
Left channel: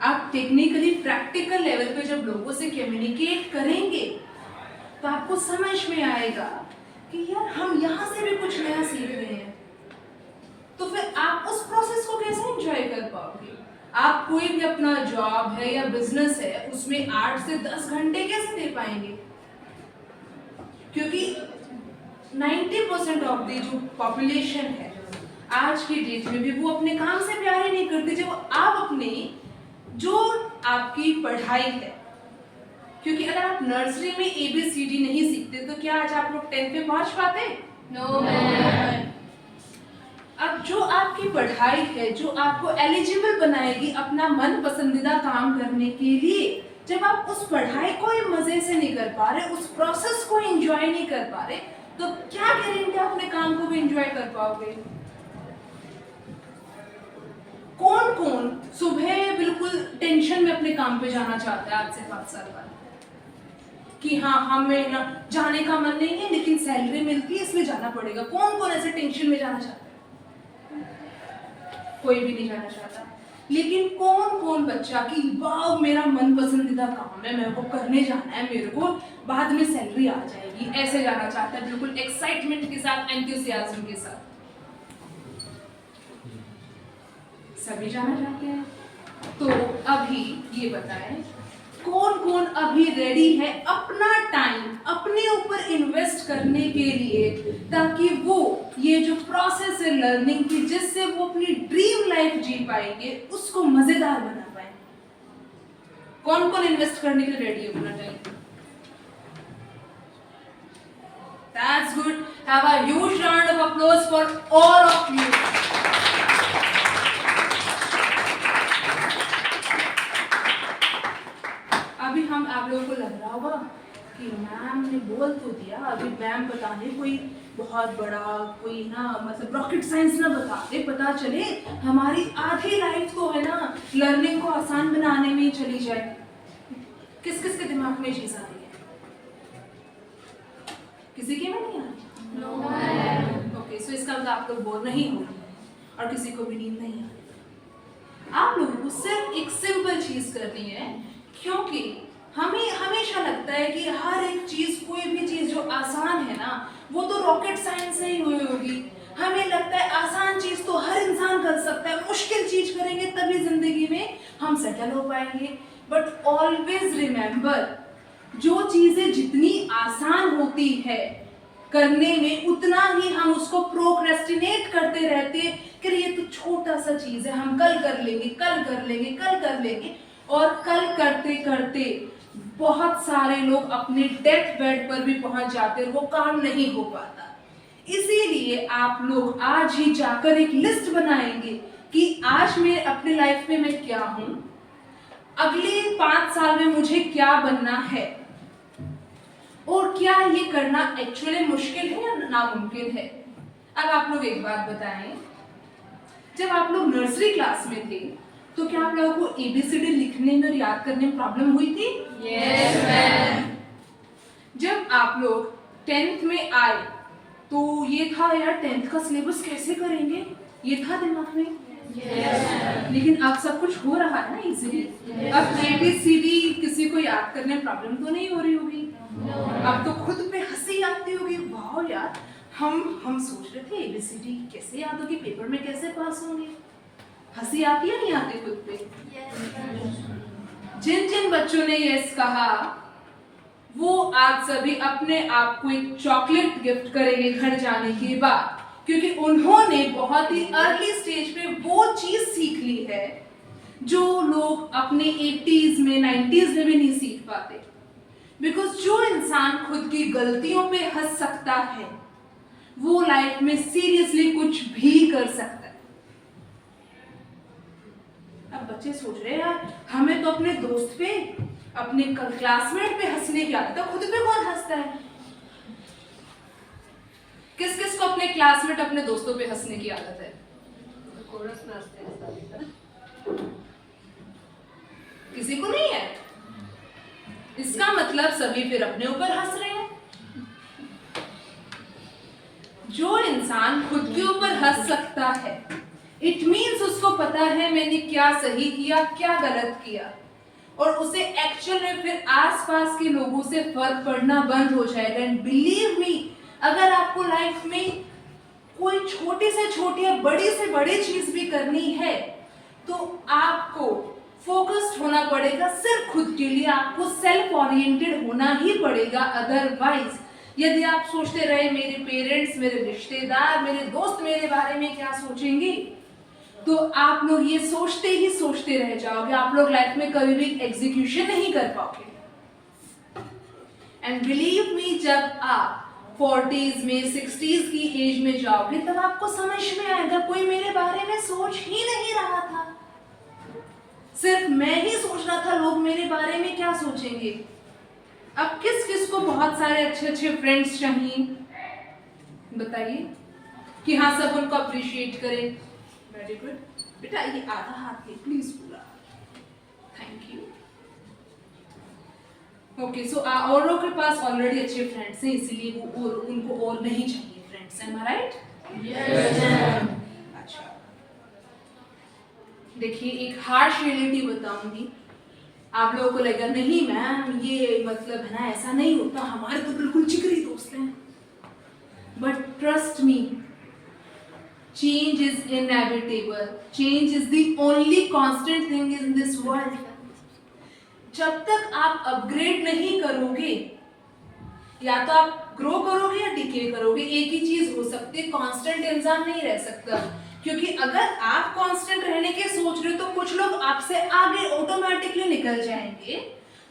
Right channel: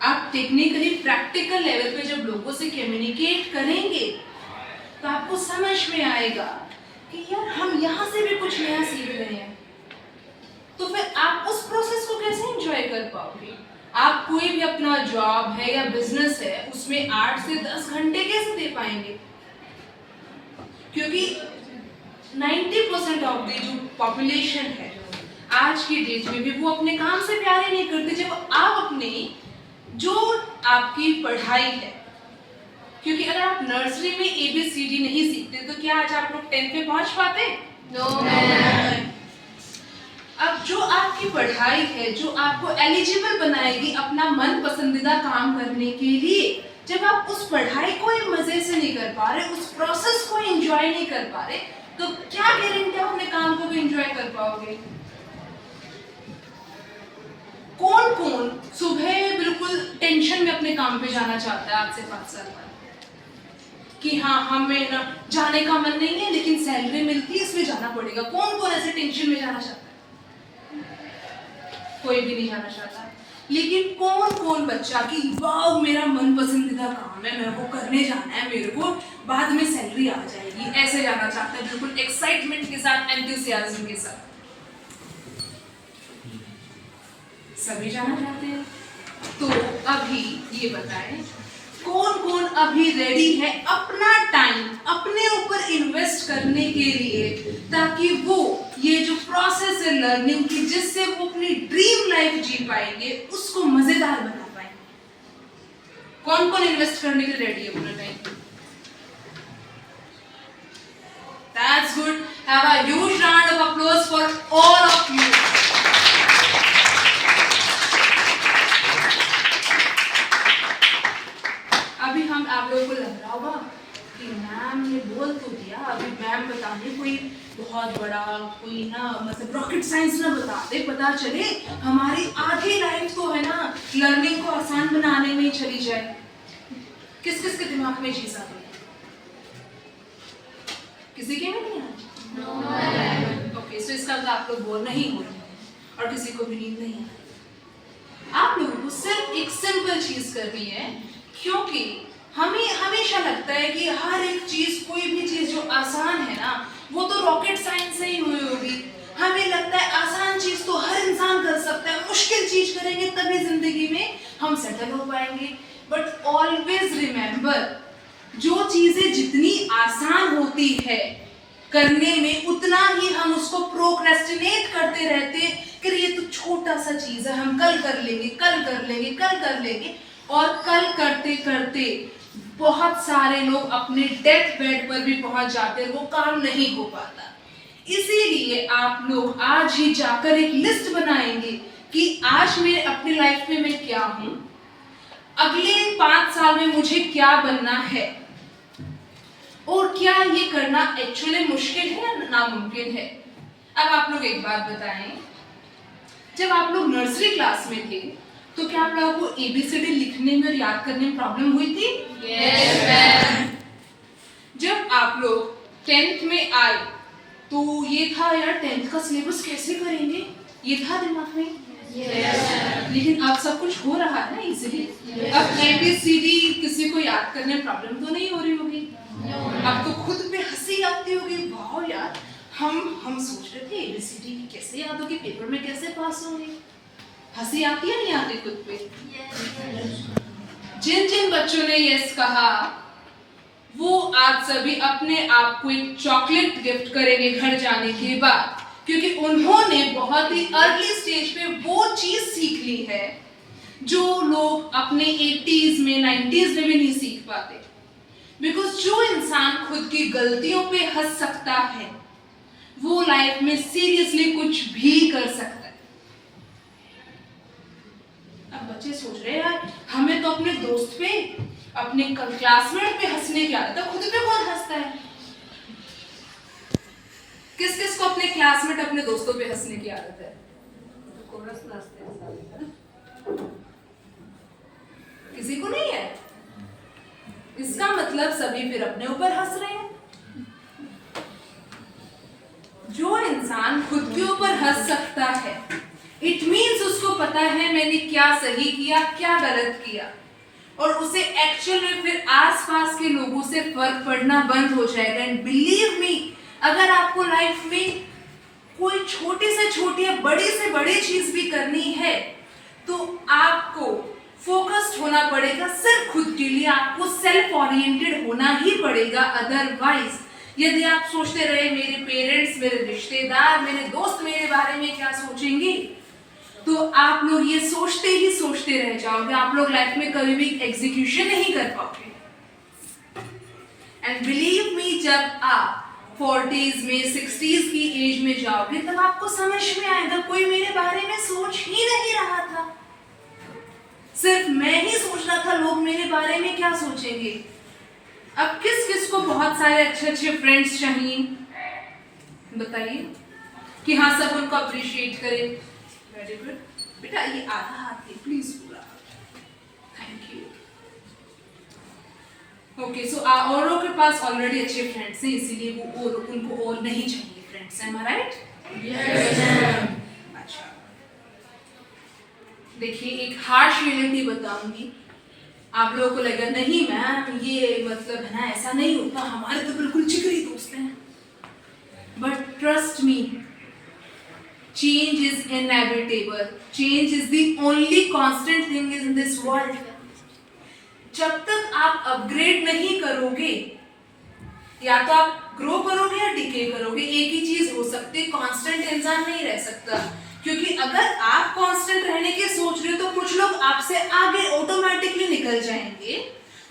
आप टेक्निकली प्रैक्टिकल लेवल पे जब लोगों से कम्युनिकेट करेंगे तो आपको समझ में आएगा कि यार हम यहाँ से भी कुछ नया सीख रहे हैं। तो फिर आप उस प्रोसेस को कैसे एंजॉय कर पाओगे? आप कोई भी अपना जॉब है या बिजनेस है उसमें 8 से 10 घंटे कैसे दे पाएंगे? क्योंकि 90% ऑफ द जो पॉपुलेशन है आज की डेट में भी वो अपने काम से प्यार ही नहीं करते, जब आप अपने जो आपकी पढ़ाई है, क्योंकि अगर आप नर्सरी में ABCD नहीं सीखते तो क्या आज आप लोग 10th पे पहुंच पाते? नो। अब जो आपकी पढ़ाई है, जो आपको एलिजिबल बनाएगी अपना मन पसंदीदा काम करने के लिए, जब आप उस पढ़ाई को ही मजे से नहीं कर पा रहे, उस प्रोसेस को एंजॉय नहीं कर पा रहे, तो क्या गारंटी अपने काम को भी एंजॉय कर पाओगे? कौन कौन सुबह बिल्कुल टेंशन में अपने काम पे जाना चाहता है आज से 5 साल बाद कि हाँ हमें ना जाने का मन नहीं है लेकिन सैलरी मिलती है इसलिए जाना पड़ेगा? कौन कौन ऐसे टेंशन में जाना चाहता है? कोई भी नहीं जाना चाहता। लेकिन कौन कौन बच्चा कि वाह मेरा मन पसंदीदा काम है, मेरे को करने जाना है, मेरे को बाद में सैलरी आ जाएगी, ऐसे जाना चाहता है, बिल्कुल एक्साइटमेंट के साथ, एंथुसियाज्म के साथ। सभी जाना चाहते हैं। तो अभी ये बताएं कौन कौन अभी रेडी है अपना टाइम अपने ऊपर इन्वेस्ट करने के लिए, ताकि वो ये जो प्रोसेस है लर्निंग की, जिससे वो अपनी ड्रीम लाइफ जी पाएंगे, उसको मजेदार बना पाएंगे। कौन कौन इन्वेस्ट करने के लिए रेडी है अपना time? That's good. Have a huge round of applause for all of you. अभी हम आप लोगों को लग रहा होगा कि मैम ने बोल तो दिया, अभी मैम बताने कोई बहुत बड़ा कोई ना मतलब रॉकेट साइंस ना बता दे, पता चले हमारी आधी लाइफ तो है ना लर्निंग को आसान बनाने में ही चली जाए। किस किस के दिमाग में चीज आ रही है? किसी के में नहीं आ? ओके, सो इसका मतलब आप लोग बोल नहीं हो और किसी को भी नींद नहीं है। आप लोगों को सिर्फ एक सिंपल चीज करनी है, क्योंकि हमें हमेशा लगता है कि हर एक चीज, कोई भी चीज जो आसान है ना वो तो रॉकेट साइंस से ही हुई होगी। हमें लगता है आसान चीज तो हर इंसान कर सकता है, मुश्किल चीज करेंगे तभी जिंदगी में हम सेटल हो पाएंगे। बट ऑलवेज रिमेंबर, जो चीजें जितनी आसान होती है करने में, उतना ही हम उसको प्रोक्रेस्टिनेट करते रहते कि ये तो छोटा सा चीज है, हम कल कर लेंगे, कल कर लेंगे, कल कर लेंगे, और कल करते करते बहुत सारे लोग अपने डेथ बेड पर भी पहुंच जाते हैं, वो काम नहीं हो पाता। इसीलिए आप लोग आज ही जाकर एक लिस्ट बनाएंगे कि आज मैं अपनी लाइफ में मैं क्या हूं, अगले 5 साल में मुझे क्या बनना है, और क्या ये करना एक्चुअली मुश्किल है या नामुमकिन है। अब आप लोग एक बात बताएं, जब आप लोग नर्सरी क्लास में थे तो क्या आप लोगों को ABCD लिखने में और याद करने में प्रॉब्लम हुई थी? Yes ma'am. जब आप लोग 10th में आए तो ये था यार 10th का सिलेबस कैसे करेंगे, ये था दिमाग में? यस। लेकिन अब सब कुछ हो रहा है ना इजीली। अब ABCD किसी को याद करने में प्रॉब्लम तो नहीं हो रही होगी। अब तो खुद पे हंसी आती होगी, वाह यार हम सोच रहे थे ABCD कैसे याद होगी, पेपर में कैसे पास होंगे। हंसी आती है नहीं आती खुद पे? जिन जिन बच्चों ने यस कहा वो आज सभी अपने आप को एक चॉकलेट गिफ्ट करेंगे घर जाने के बाद, क्योंकि उन्होंने बहुत ही अर्ली स्टेज पे वो चीज सीख ली है जो लोग अपने 80s में 90s में भी नहीं सीख पाते। बिकॉज जो इंसान खुद की गलतियों पे हंस सकता है वो लाइफ में सीरियसली कुछ भी कर सकता है। अब बच्चे सोच रहे हैं यार हमें तो अपने दोस्त पे अपने क्लासमेट पे हंसने की आदत है, खुद पे कौन हंसता है? किस किस को अपने क्लासमेट अपने दोस्तों पे हंसने की आदत है? किसी को नहीं है। इसका मतलब सभी फिर अपने ऊपर हंस रहे हैं। जो इंसान खुद के ऊपर हंस सकता है इट मीन्स उसको पता है मैंने क्या सही किया क्या गलत किया, और उसे एक्चुअल में फिर आसपास के लोगों से फर्क पड़ना बंद हो जाएगा। एंड बिलीव मी, अगर आपको लाइफ में कोई छोटी से छोटी या बड़ी से बड़ी चीज भी करनी है तो आपको फोकस्ड होना पड़ेगा सिर्फ खुद के लिए, आपको सेल्फ ओरिएंटेड होना ही पड़ेगा। अदरवाइज यदि आप सोचते रहे मेरे पेरेंट्स, मेरे रिश्तेदार, मेरे दोस्त मेरे बारे में क्या सोचेंगे, तो आप लोग ये सोचते ही सोचते रह जाओगे। आप लोग लाइफ में कभी भी एग्जीक्यूशन नहीं कर पाओगे। एंड बिलीव मी, जब आप 40s में 60s की एज में जाओगे तब आपको समझ में आएगा कोई मेरे बारे में सोच ही नहीं रहा था, सिर्फ मैं ही सोच रहा था लोग मेरे बारे में क्या सोचेंगे। अब किस किस को बहुत सारे अच्छे अच्छे फ्रेंड्स चाहिए बताइए कि हाँ सब उनको अप्रिशिएट करें। वेरी गुड बेटा, ये आधा हाथ ले प्लीज पूरा, थैंक यू। ओके, सो औरों के पास ऑलरेडी अच्छे फ्रेंड्स हैं इसीलिए वो और उनको और नहीं चाहिए फ्रेंड्स, एम आई राइट? Yes ma'am. अच्छा, देखिए एक हार्श रियलिटी बताऊंगी, आप लोगों को लगेगा नहीं मैम ये मतलब है ना ऐसा नहीं होता, हमारे तो बिल्कुल जिगरी दोस्त हैं। But trust me, change is inevitable, change is the only constant thing in this world. जब तक आप अपग्रेड नहीं करोगे, या तो आप ग्रो करोगे या डिके करोगे, एक ही चीज हो सकती है, कांस्टेंट इंसान नहीं रह सकता। क्योंकि अगर आप कांस्टेंट रहने के सोच रहे हो तो कुछ लोग आपसे आगे ऑटोमेटिकली निकल जाएंगे,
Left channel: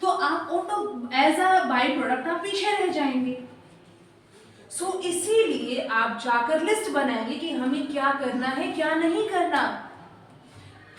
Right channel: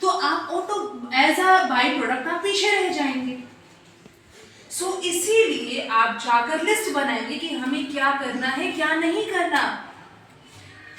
तो आप एज अ बाई प्रोडक्ट आप पीछे रह जाएंगे। सो इसीलिए आप जाकर लिस्ट बनाएंगे कि हमें क्या करना है क्या नहीं करना,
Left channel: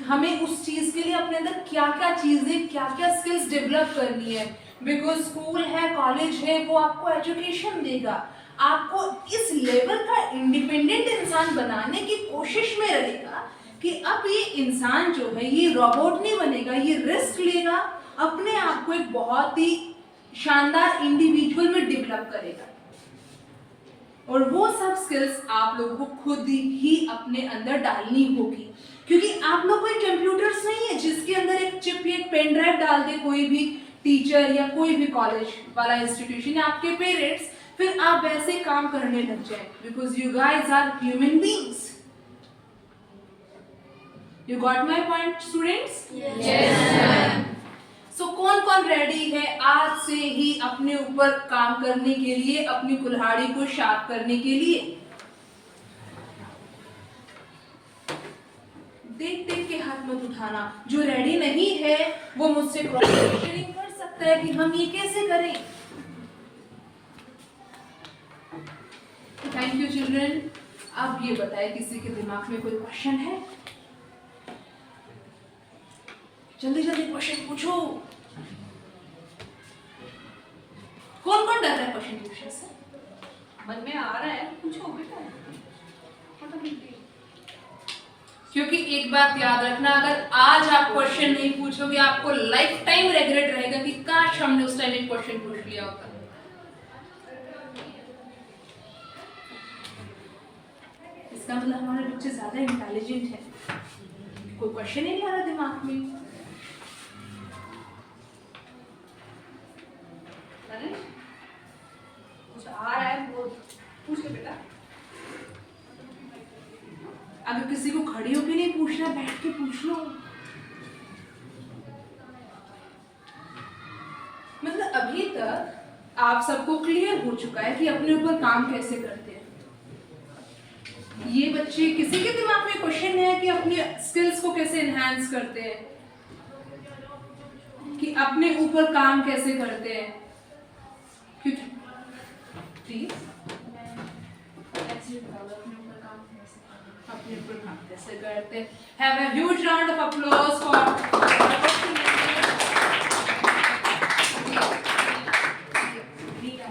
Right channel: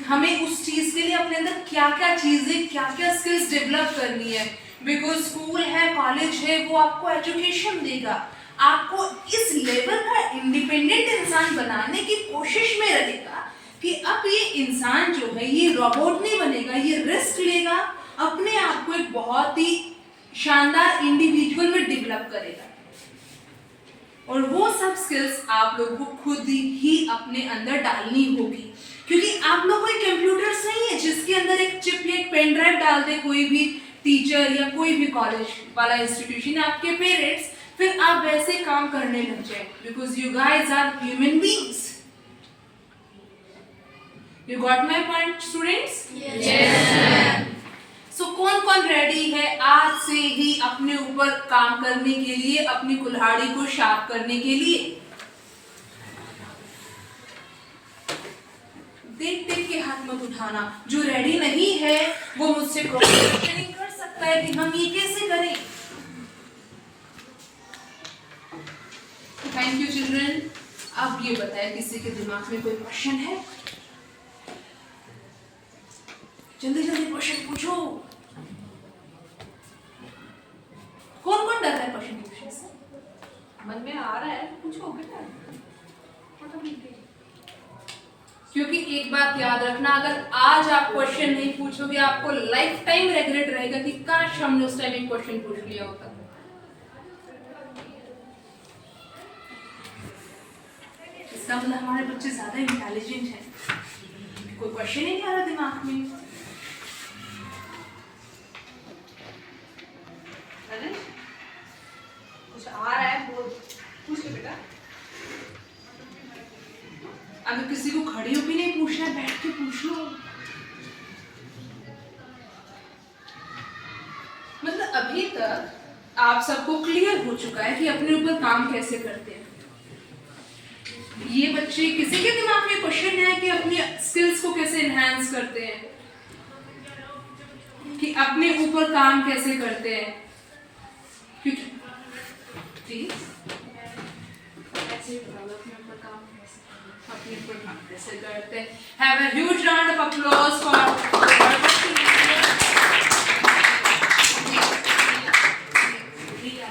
हमें उस चीज के लिए अपने अंदर क्या क्या चीजें क्या क्या स्किल्स डेवलप करनी है। बिकॉज स्कूल है कॉलेज है वो आपको एजुकेशन देगा, आपको इस लेवल का इंडिपेंडेंट इंसान बनाने की कोशिश में रहेगा कि अब ये इंसान जो है ये रोबोट नहीं बनेगा, ये रिस्क लेगा, अपने आप को एक बहुत ही शानदार इंडिविजुअल में डेवलप करेगा। और वो सब स्किल्स आप लोगों को खुद ही अपने अंदर डालनी होगी, क्योंकि आप लोग कोई कंप्यूटर्स नहीं है जिसके अंदर एक चिप या एक पेन ड्राइव डाल दे कोई भी टीचर या कोई भी कॉलेज वाला इंस्टीट्यूशन, आपके पेरेंट्स, फिर आप वैसे काम करने लग जाए। Because you guys are human beings. You got my point students? So कौन कौन रेडी है आज से ही अपने ऊपर काम करने के लिए, अपनी कुल्हाड़ी को शार्प करने के लिए? देख देख के हाथ मत उठाना। जो रेडी नहीं है वो मुझसे क्वेश्चनिंग कर सकता है कि हम ये कैसे करें। Thank you children. अब ये बताए किसी के दिमाग में कोई क्वेश्चन है? जल्दी जल्दी क्वेश्चन पूछो। कौन कौन डर रहा है क्वेश्चन पूछने से? मन में आ रहा है, पूछो बेटा। क्योंकि एक बात याद रखना, अगर आज आप क्वेश्चन नहीं पूछोगे आपको लाइफ टाइम रिग्रेट रहेगा कि काश हमने उस टाइम एक क्वेश्चन पूछ लिया होता। इसका मतलब हमारे बच्चे ज्यादा इंटेलिजेंट हैं, कोई क्वेश्चन ही नहीं आ रहा दिमाग में। कुछ आ रहा है वो पूछ ले बेटा। अगर किसी को खड़े होके नहीं पूछना, बैठ के पूछ लो। मतलब अभी तक आप सबको क्लियर हो चुका है कि अपने ऊपर काम कैसे करते हैं। ये बच्चे किसी के दिमाग में क्वेश्चन है कि अपनी स्किल्स को कैसे एनहांस करते हैं, कि अपने ऊपर काम कैसे करते हैं, क्योंकि प्लीज अपने ऊपर काम कैसे करते हैं। Have a huge round of applause for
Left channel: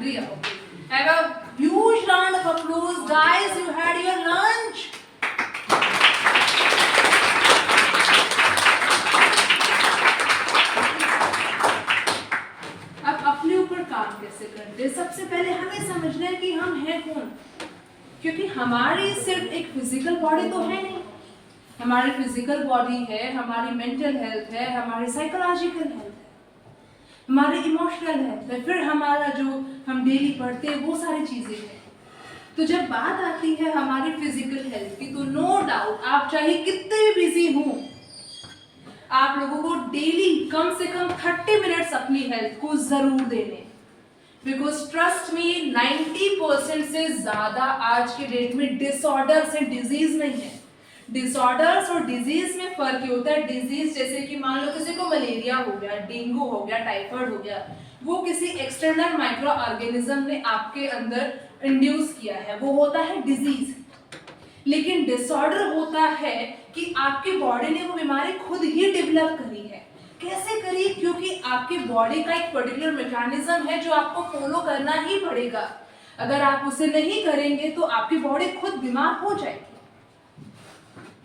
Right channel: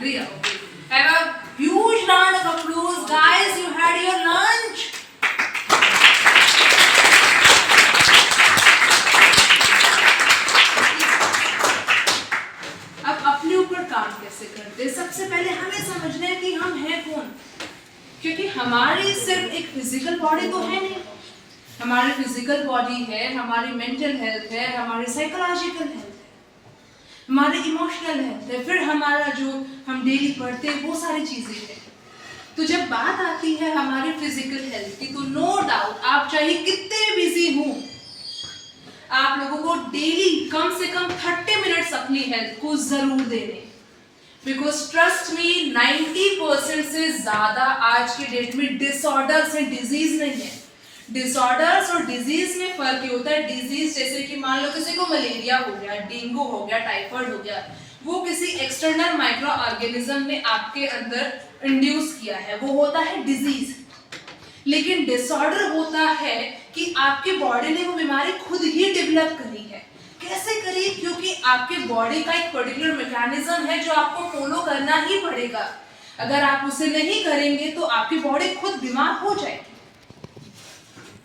Ria. Have a huge round of applause, guys. You had your lunch. अब अपने ऊपर काम कैसे करते हैं? सबसे पहले हमें समझना है कि हम हैं कौन, क्योंकि हमारी सिर्फ एक फिजिकल बॉडी तो है नहीं। हमारी फिजिकल बॉडी है, हमारी मेंटल हेल्थ है, हमारी साइकोलॉजिकल हेल्थ है, हमारे इमोशनल हेल्थ है, फिर हमारा जो हम डेली पढ़ते हैं वो सारी चीजें हैं। तो जब बात आती है हमारी फिजिकल हेल्थ की, तो नो डाउट आप चाहे कितने बिजी हों, आप लोगों को डेली कम से कम 30 मिनट्स अपनी हेल्थ को जरूर देने, बिकॉज ट्रस्ट मी 90% से ज्यादा आज के डेट में डिसऑर्डर्स एंड डिजीज नहीं है। डिसऑर्डर्स और डिजीज में फर्क ये होता है, डिजीज जैसे कि मान लो किसी को मलेरिया हो गया, डेंगू हो गया, टाइफाइड हो गया, वो किसी एक्सटर्नल माइक्रो ऑर्गेनिज्म ने आपके अंदर इंड्यूस किया है, वो होता है डिजीज। लेकिन डिसऑर्डर होता है कि आपकी बॉडी ने वो बीमारी खुद ही डेवलप करी है। कैसे करी? क्योंकि आपके बॉडी का एक पर्टिकुलर मैकेनिज्म है जो आपको फॉलो करना ही पड़ेगा। अगर आप उसे नहीं करेंगे तो आपकी बॉडी खुद बीमार हो जाएगी,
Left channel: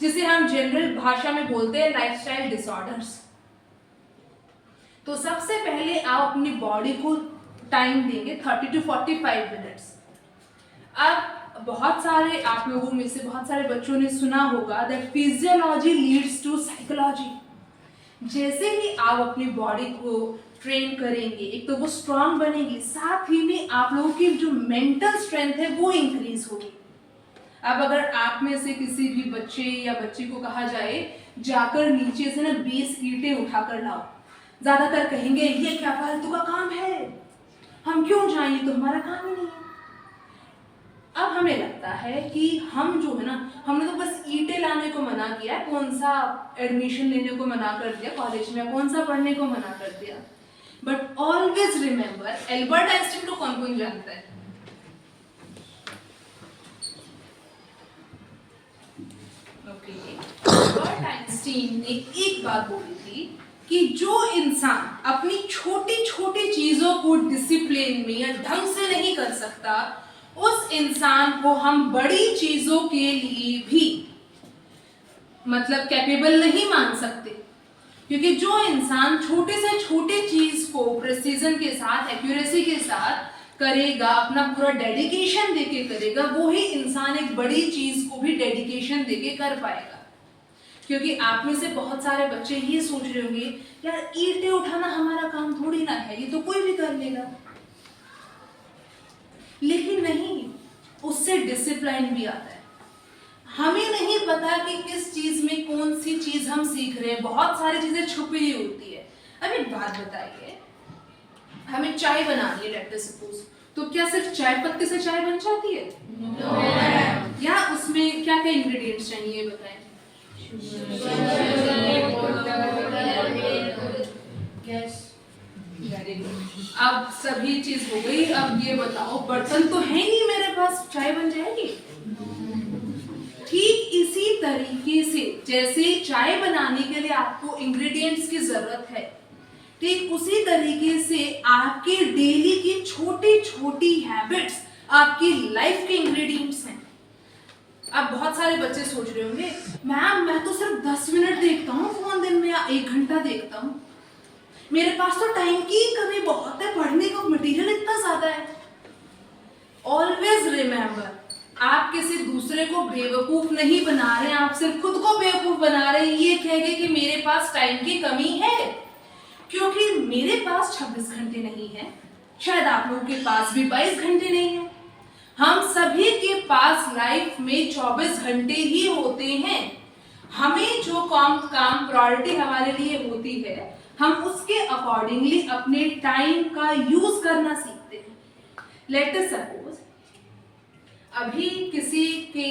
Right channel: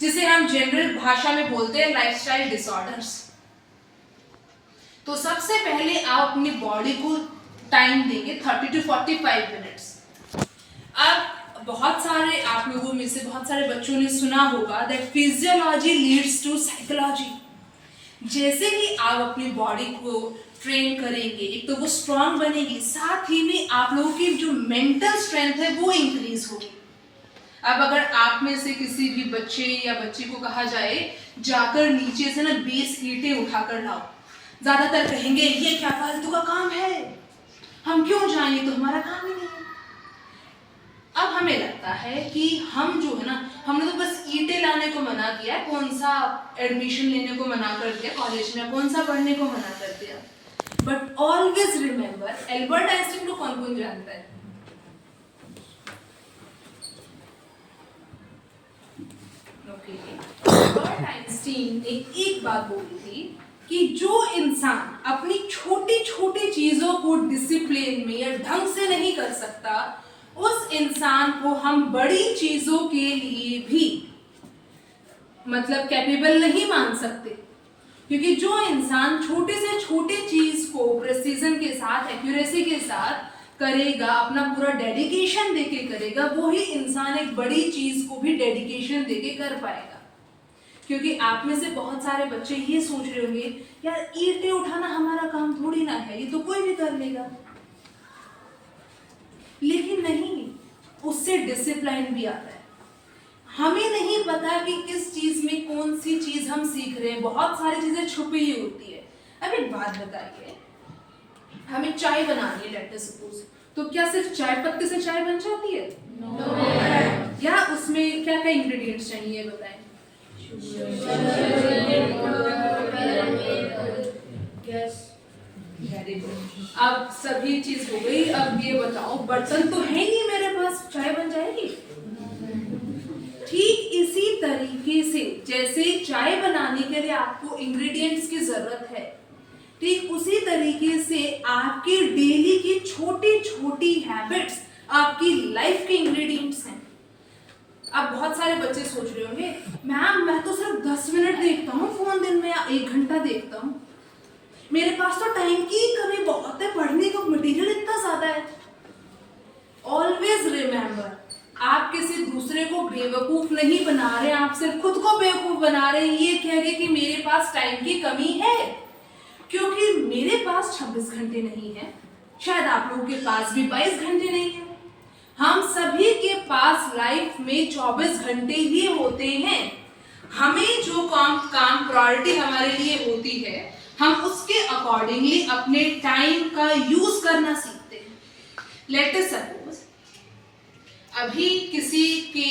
जिसे हम जनरल भाषा में बोलते हैं लाइफस्टाइल डिसऑर्डर्स। तो सबसे पहले आप अपनी बॉडी को टाइम देंगे 30 to 45 मिनट्स। अब बहुत सारे आप लोगों में से बहुत सारे बच्चों ने सुना होगा that physiology leads to psychology. जैसे ही आप अपनी बॉडी को ट्रेन करेंगे, एक तो वो स्ट्रांग बनेगी, साथ ही में आप लोगों की जो मेंटल स्ट्रेंथ है वो इंक्रीज होगी। अब अगर आप में से किसी भी बच्चे या बच्ची को कहा जाए जाकर नीचे से ना 20 ईंटें उठाकर लाओ, ज्यादातर कहेंगे ये क्या फालतू का काम है, हम क्यों जाएं, ये तो हमारा काम ही नहीं है। अब हमें लगता है कि हम जो है ना, हमने तो बस ईंटें लाने को मना किया, कौन सा एडमिशन लेने को मना कर दिया कॉलेज में, कौन सा पढ़ने को मना कर दिया। But always remember, Albert Einstein को कौन कौन जानता है? एल्बर्ट आइंस्टीन ने एक बात बोली थी कि जो इंसान अपनी छोटी छोटी चीजों को डिसिप्लिन में या ढंग से नहीं कर सकता, उस इंसान को हम बड़ी चीजों के लिए भी मतलब कैपेबल नहीं मान सकते। क्योंकि जो इंसान छोटे से छोटे चीज को प्रेसिजन के साथ, एक्यूरेसी के साथ करेगा, अपना पूरा डेडिकेशन देके करेगा, वो ही इंसान एक बड़ी चीज को भी डेडिकेशन देके कर पाएगा। क्योंकि आप में से बहुत सारे बच्चे ये सोच रहे होंगे, यार ईंटें उठाना हमारा काम थोड़ी ना है, ये तो कोई भी कर लेगा। लेकिन नहीं, उससे डिसिप्लिन भी आता है। हमें नहीं पता कि किस चीज में कौन सी चीज हम सीख रहे हैं, बहुत सारी चीजें छुपी हुई होती है। अब एक बात बताइए, हमें चाय बनानी है लेट अस सपोज, तो क्या सिर्फ चाय पत्ती से चाय बन जाती है? No. या उसमें क्या क्या इंग्रेडिएंट्स चाहिए बताएं? Very good. अब सभी चीज हो गई, अब ये बताओ बर्तन तो है नहीं मेरे पास, चाय बन जाएगी? ठीक इसी तरीके से जैसे चाय बनाने के लिए आपको इंग्रेडिएंट्स की जरूरत है, ठीक उसी तरीके से आपके डेली की छोटी छोटी हैबिट्स आपकी लाइफ के इंग्रेडिएंट्स हैं। अब बहुत सारे बच्चे सोच रहे होंगे, मैम मैं तो सिर्फ 10 मिनट देखता हूँ फोन दिन में, या 1 घंटा देखता हूँ, मेरे पास तो टाइम की कमी बहुत है, पढ़ने का मटेरियल इतना ज्यादा है। ऑलवेज रिमेंबर, आप किसी दूसरे को बेवकूफ नहीं बना रहे, आप सिर्फ खुद को बेवकूफ बना रहे हैं ये कह के कि मेरे पास टाइम की कमी है। क्योंकि मेरे पास 26 घंटे नहीं है, शायद आप लोगों के पास भी 22 घंटे नहीं है, हम सभी के पास लाइफ में 24 घंटे ही होते हैं। हमें जो काम प्रायोरिटी हमारे लिए होती है, हम उसके अकॉर्डिंगली अपने टाइम का यूज करना सीखते हैं। लेट अस सपोज अभी किसी के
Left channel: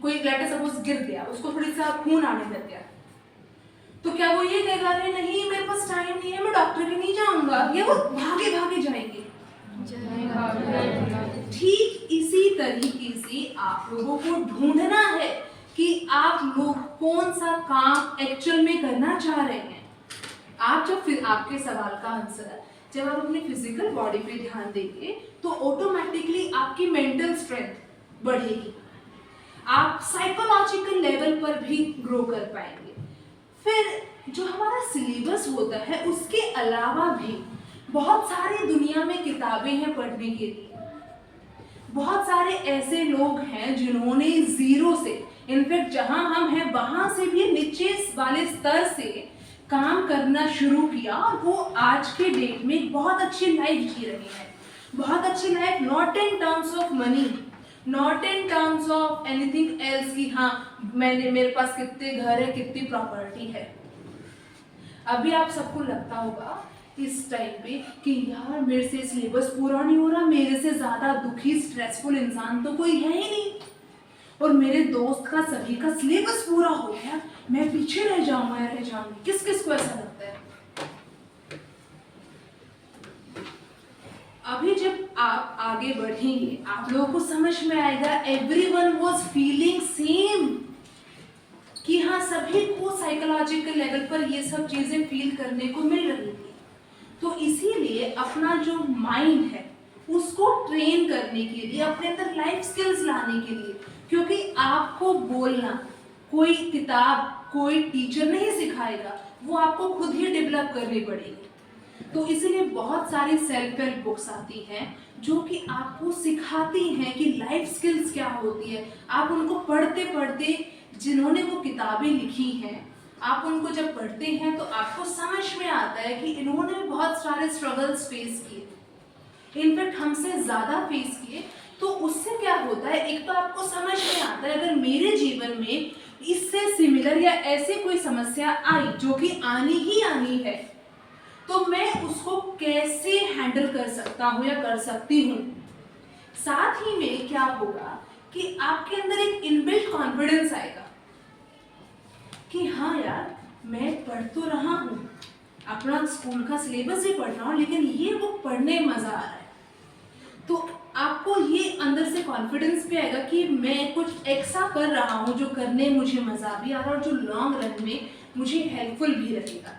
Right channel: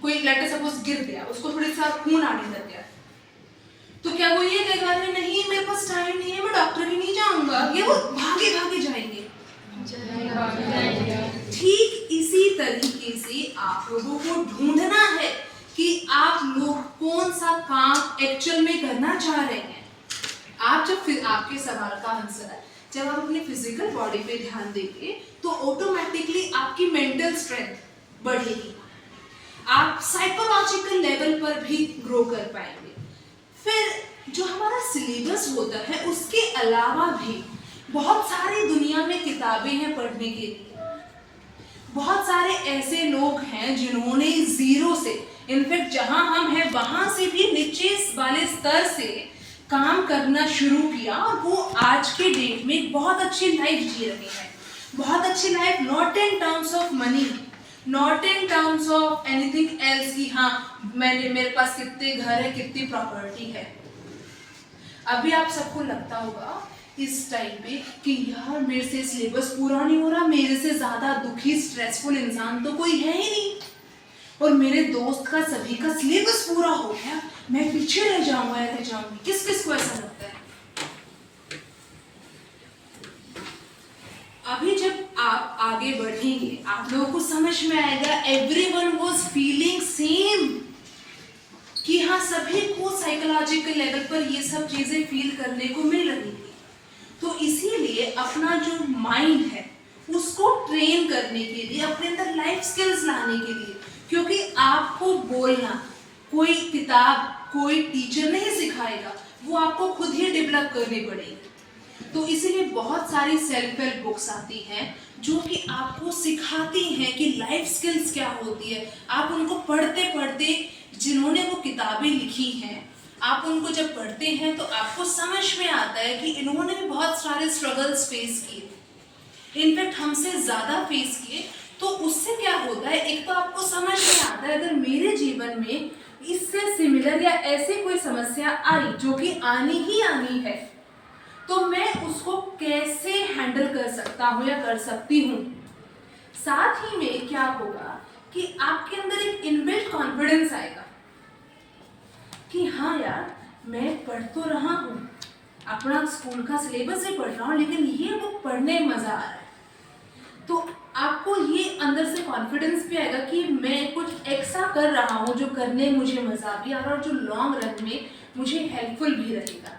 कोई लेट अस सपोज गिर गया, उसको थोड़ी सा खून आने लग गया, तो क्या वो ये कहेगा अरे नहीं मेरे पास टाइम नहीं है, मैं डॉक्टर भी नहीं जाऊंगा, या वो भागे भागे जाएंगे? ठीक इसी तरीके से आप लोगों को ढूंढना है कि आप लोग कौन सा काम एक्चुअल में करना चाह रहे हैं। आप जब फिर आपके सवाल का आंसर जब आप अपने फिजिकल बॉडी पे ध्यान देंगे तो ऑटोमेटिकली आपकी मेंटल स्ट्रेंथ बढ़ेगी, आप साइकोलॉजिकल लेवल पर भी ग्रो कर पाएंगे। फिर जो हमारा सिलेबस होता है उसके अलावा भी बहुत सारी दुनिया में किताबें हैं पढ़ने के लिए। बहुत सारे ऐसे लोग हैं जिन्होंने जीरो से, इनफैक्ट जहां हम हैं वहां से भी नीचे वाले स्तर से काम करना शुरू किया और वो आज के डेट में बहुत अच्छी लाइफ जी रहे हैं। बहुत अच्छी life, not in terms of money, not in terms of anything else कि हाँ मेरे पास कितने घर है, कितनी प्रॉपर्टी है। अभी आप सबको लगता होगा इस टाइम पे कि यार मेरे से सिलेबस पूरा नहीं हो रहा, मेरे से ज़्यादा दुखी स्ट्रेसफुल इंसान तो कोई है ही नहीं, और मेरे दोस्त का सभी का सिलेबस पूरा हो गया, मैं पीछे रह जाऊंगा या रह जाऊंगी। किस किस को ऐसा लगता है? अभी जब आप आगे बढ़ेंगे आप लोगों को समझ में आएगा एवरीवन वाज फीलिंग सेम, कि हाँ सभी को साइकोलॉजिकल लेवल पर ये सब चीजें फील करने को मिल रही थी। तो इसीलिए अपना जो माइंड है उसको ट्रेन करने के लिए, अपने अंदर लाइफ स्किल्स लाने के लिए, क्योंकि आपको बोलना कोई किताब कोई टीचर नहीं सिखाएगा, वो आपको खुद ही डेवलप करनी पड़ेगी। तो इसीलिए बहुत सारी सेल्फ हेल्प बुक्स आती हैं जो कि आपको सिखाती हैं कि लाइफ स्किल्स क्या होती है। आप उनको पढ़ते पढ़ते, जिन्होंने वो किताबें लिखी हैं, आप उनको जब पढ़ते हैं तो आपको समझ में आता है कि इन्होंने भी बहुत सारे स्ट्रगल्स फेस किए, इनफैक्ट हमसे ज़्यादा फेस किए। तो उससे क्या होता है, एक तो आपको समझ में आता है अगर मेरे जीवन में इससे सिमिलर या ऐसी कोई समस्या आई जो कि आनी ही आनी है, तो मैं उसको कैसे हैंडल कर सकता हूँ या कर सकती हूँ। साथ ही में क्या होगा कि आपके अंदर एक इनबिल्ट कॉन्फिडेंस आएगा कि हाँ यार मैं पढ़ तो रहा हूँ, अपना स्कूल का सिलेबस भी पढ़ रहा हूँ, लेकिन ये बुक पढ़ने में मज़ा आ रहा है। तो आपको ये अंदर से कॉन्फिडेंस भी आएगा कि मैं कुछ ऐसा कर रहा हूँ जो करने मुझे मज़ा भी आ रहा है और जो लॉन्ग रन में मुझे हेल्पफुल भी रहेगा।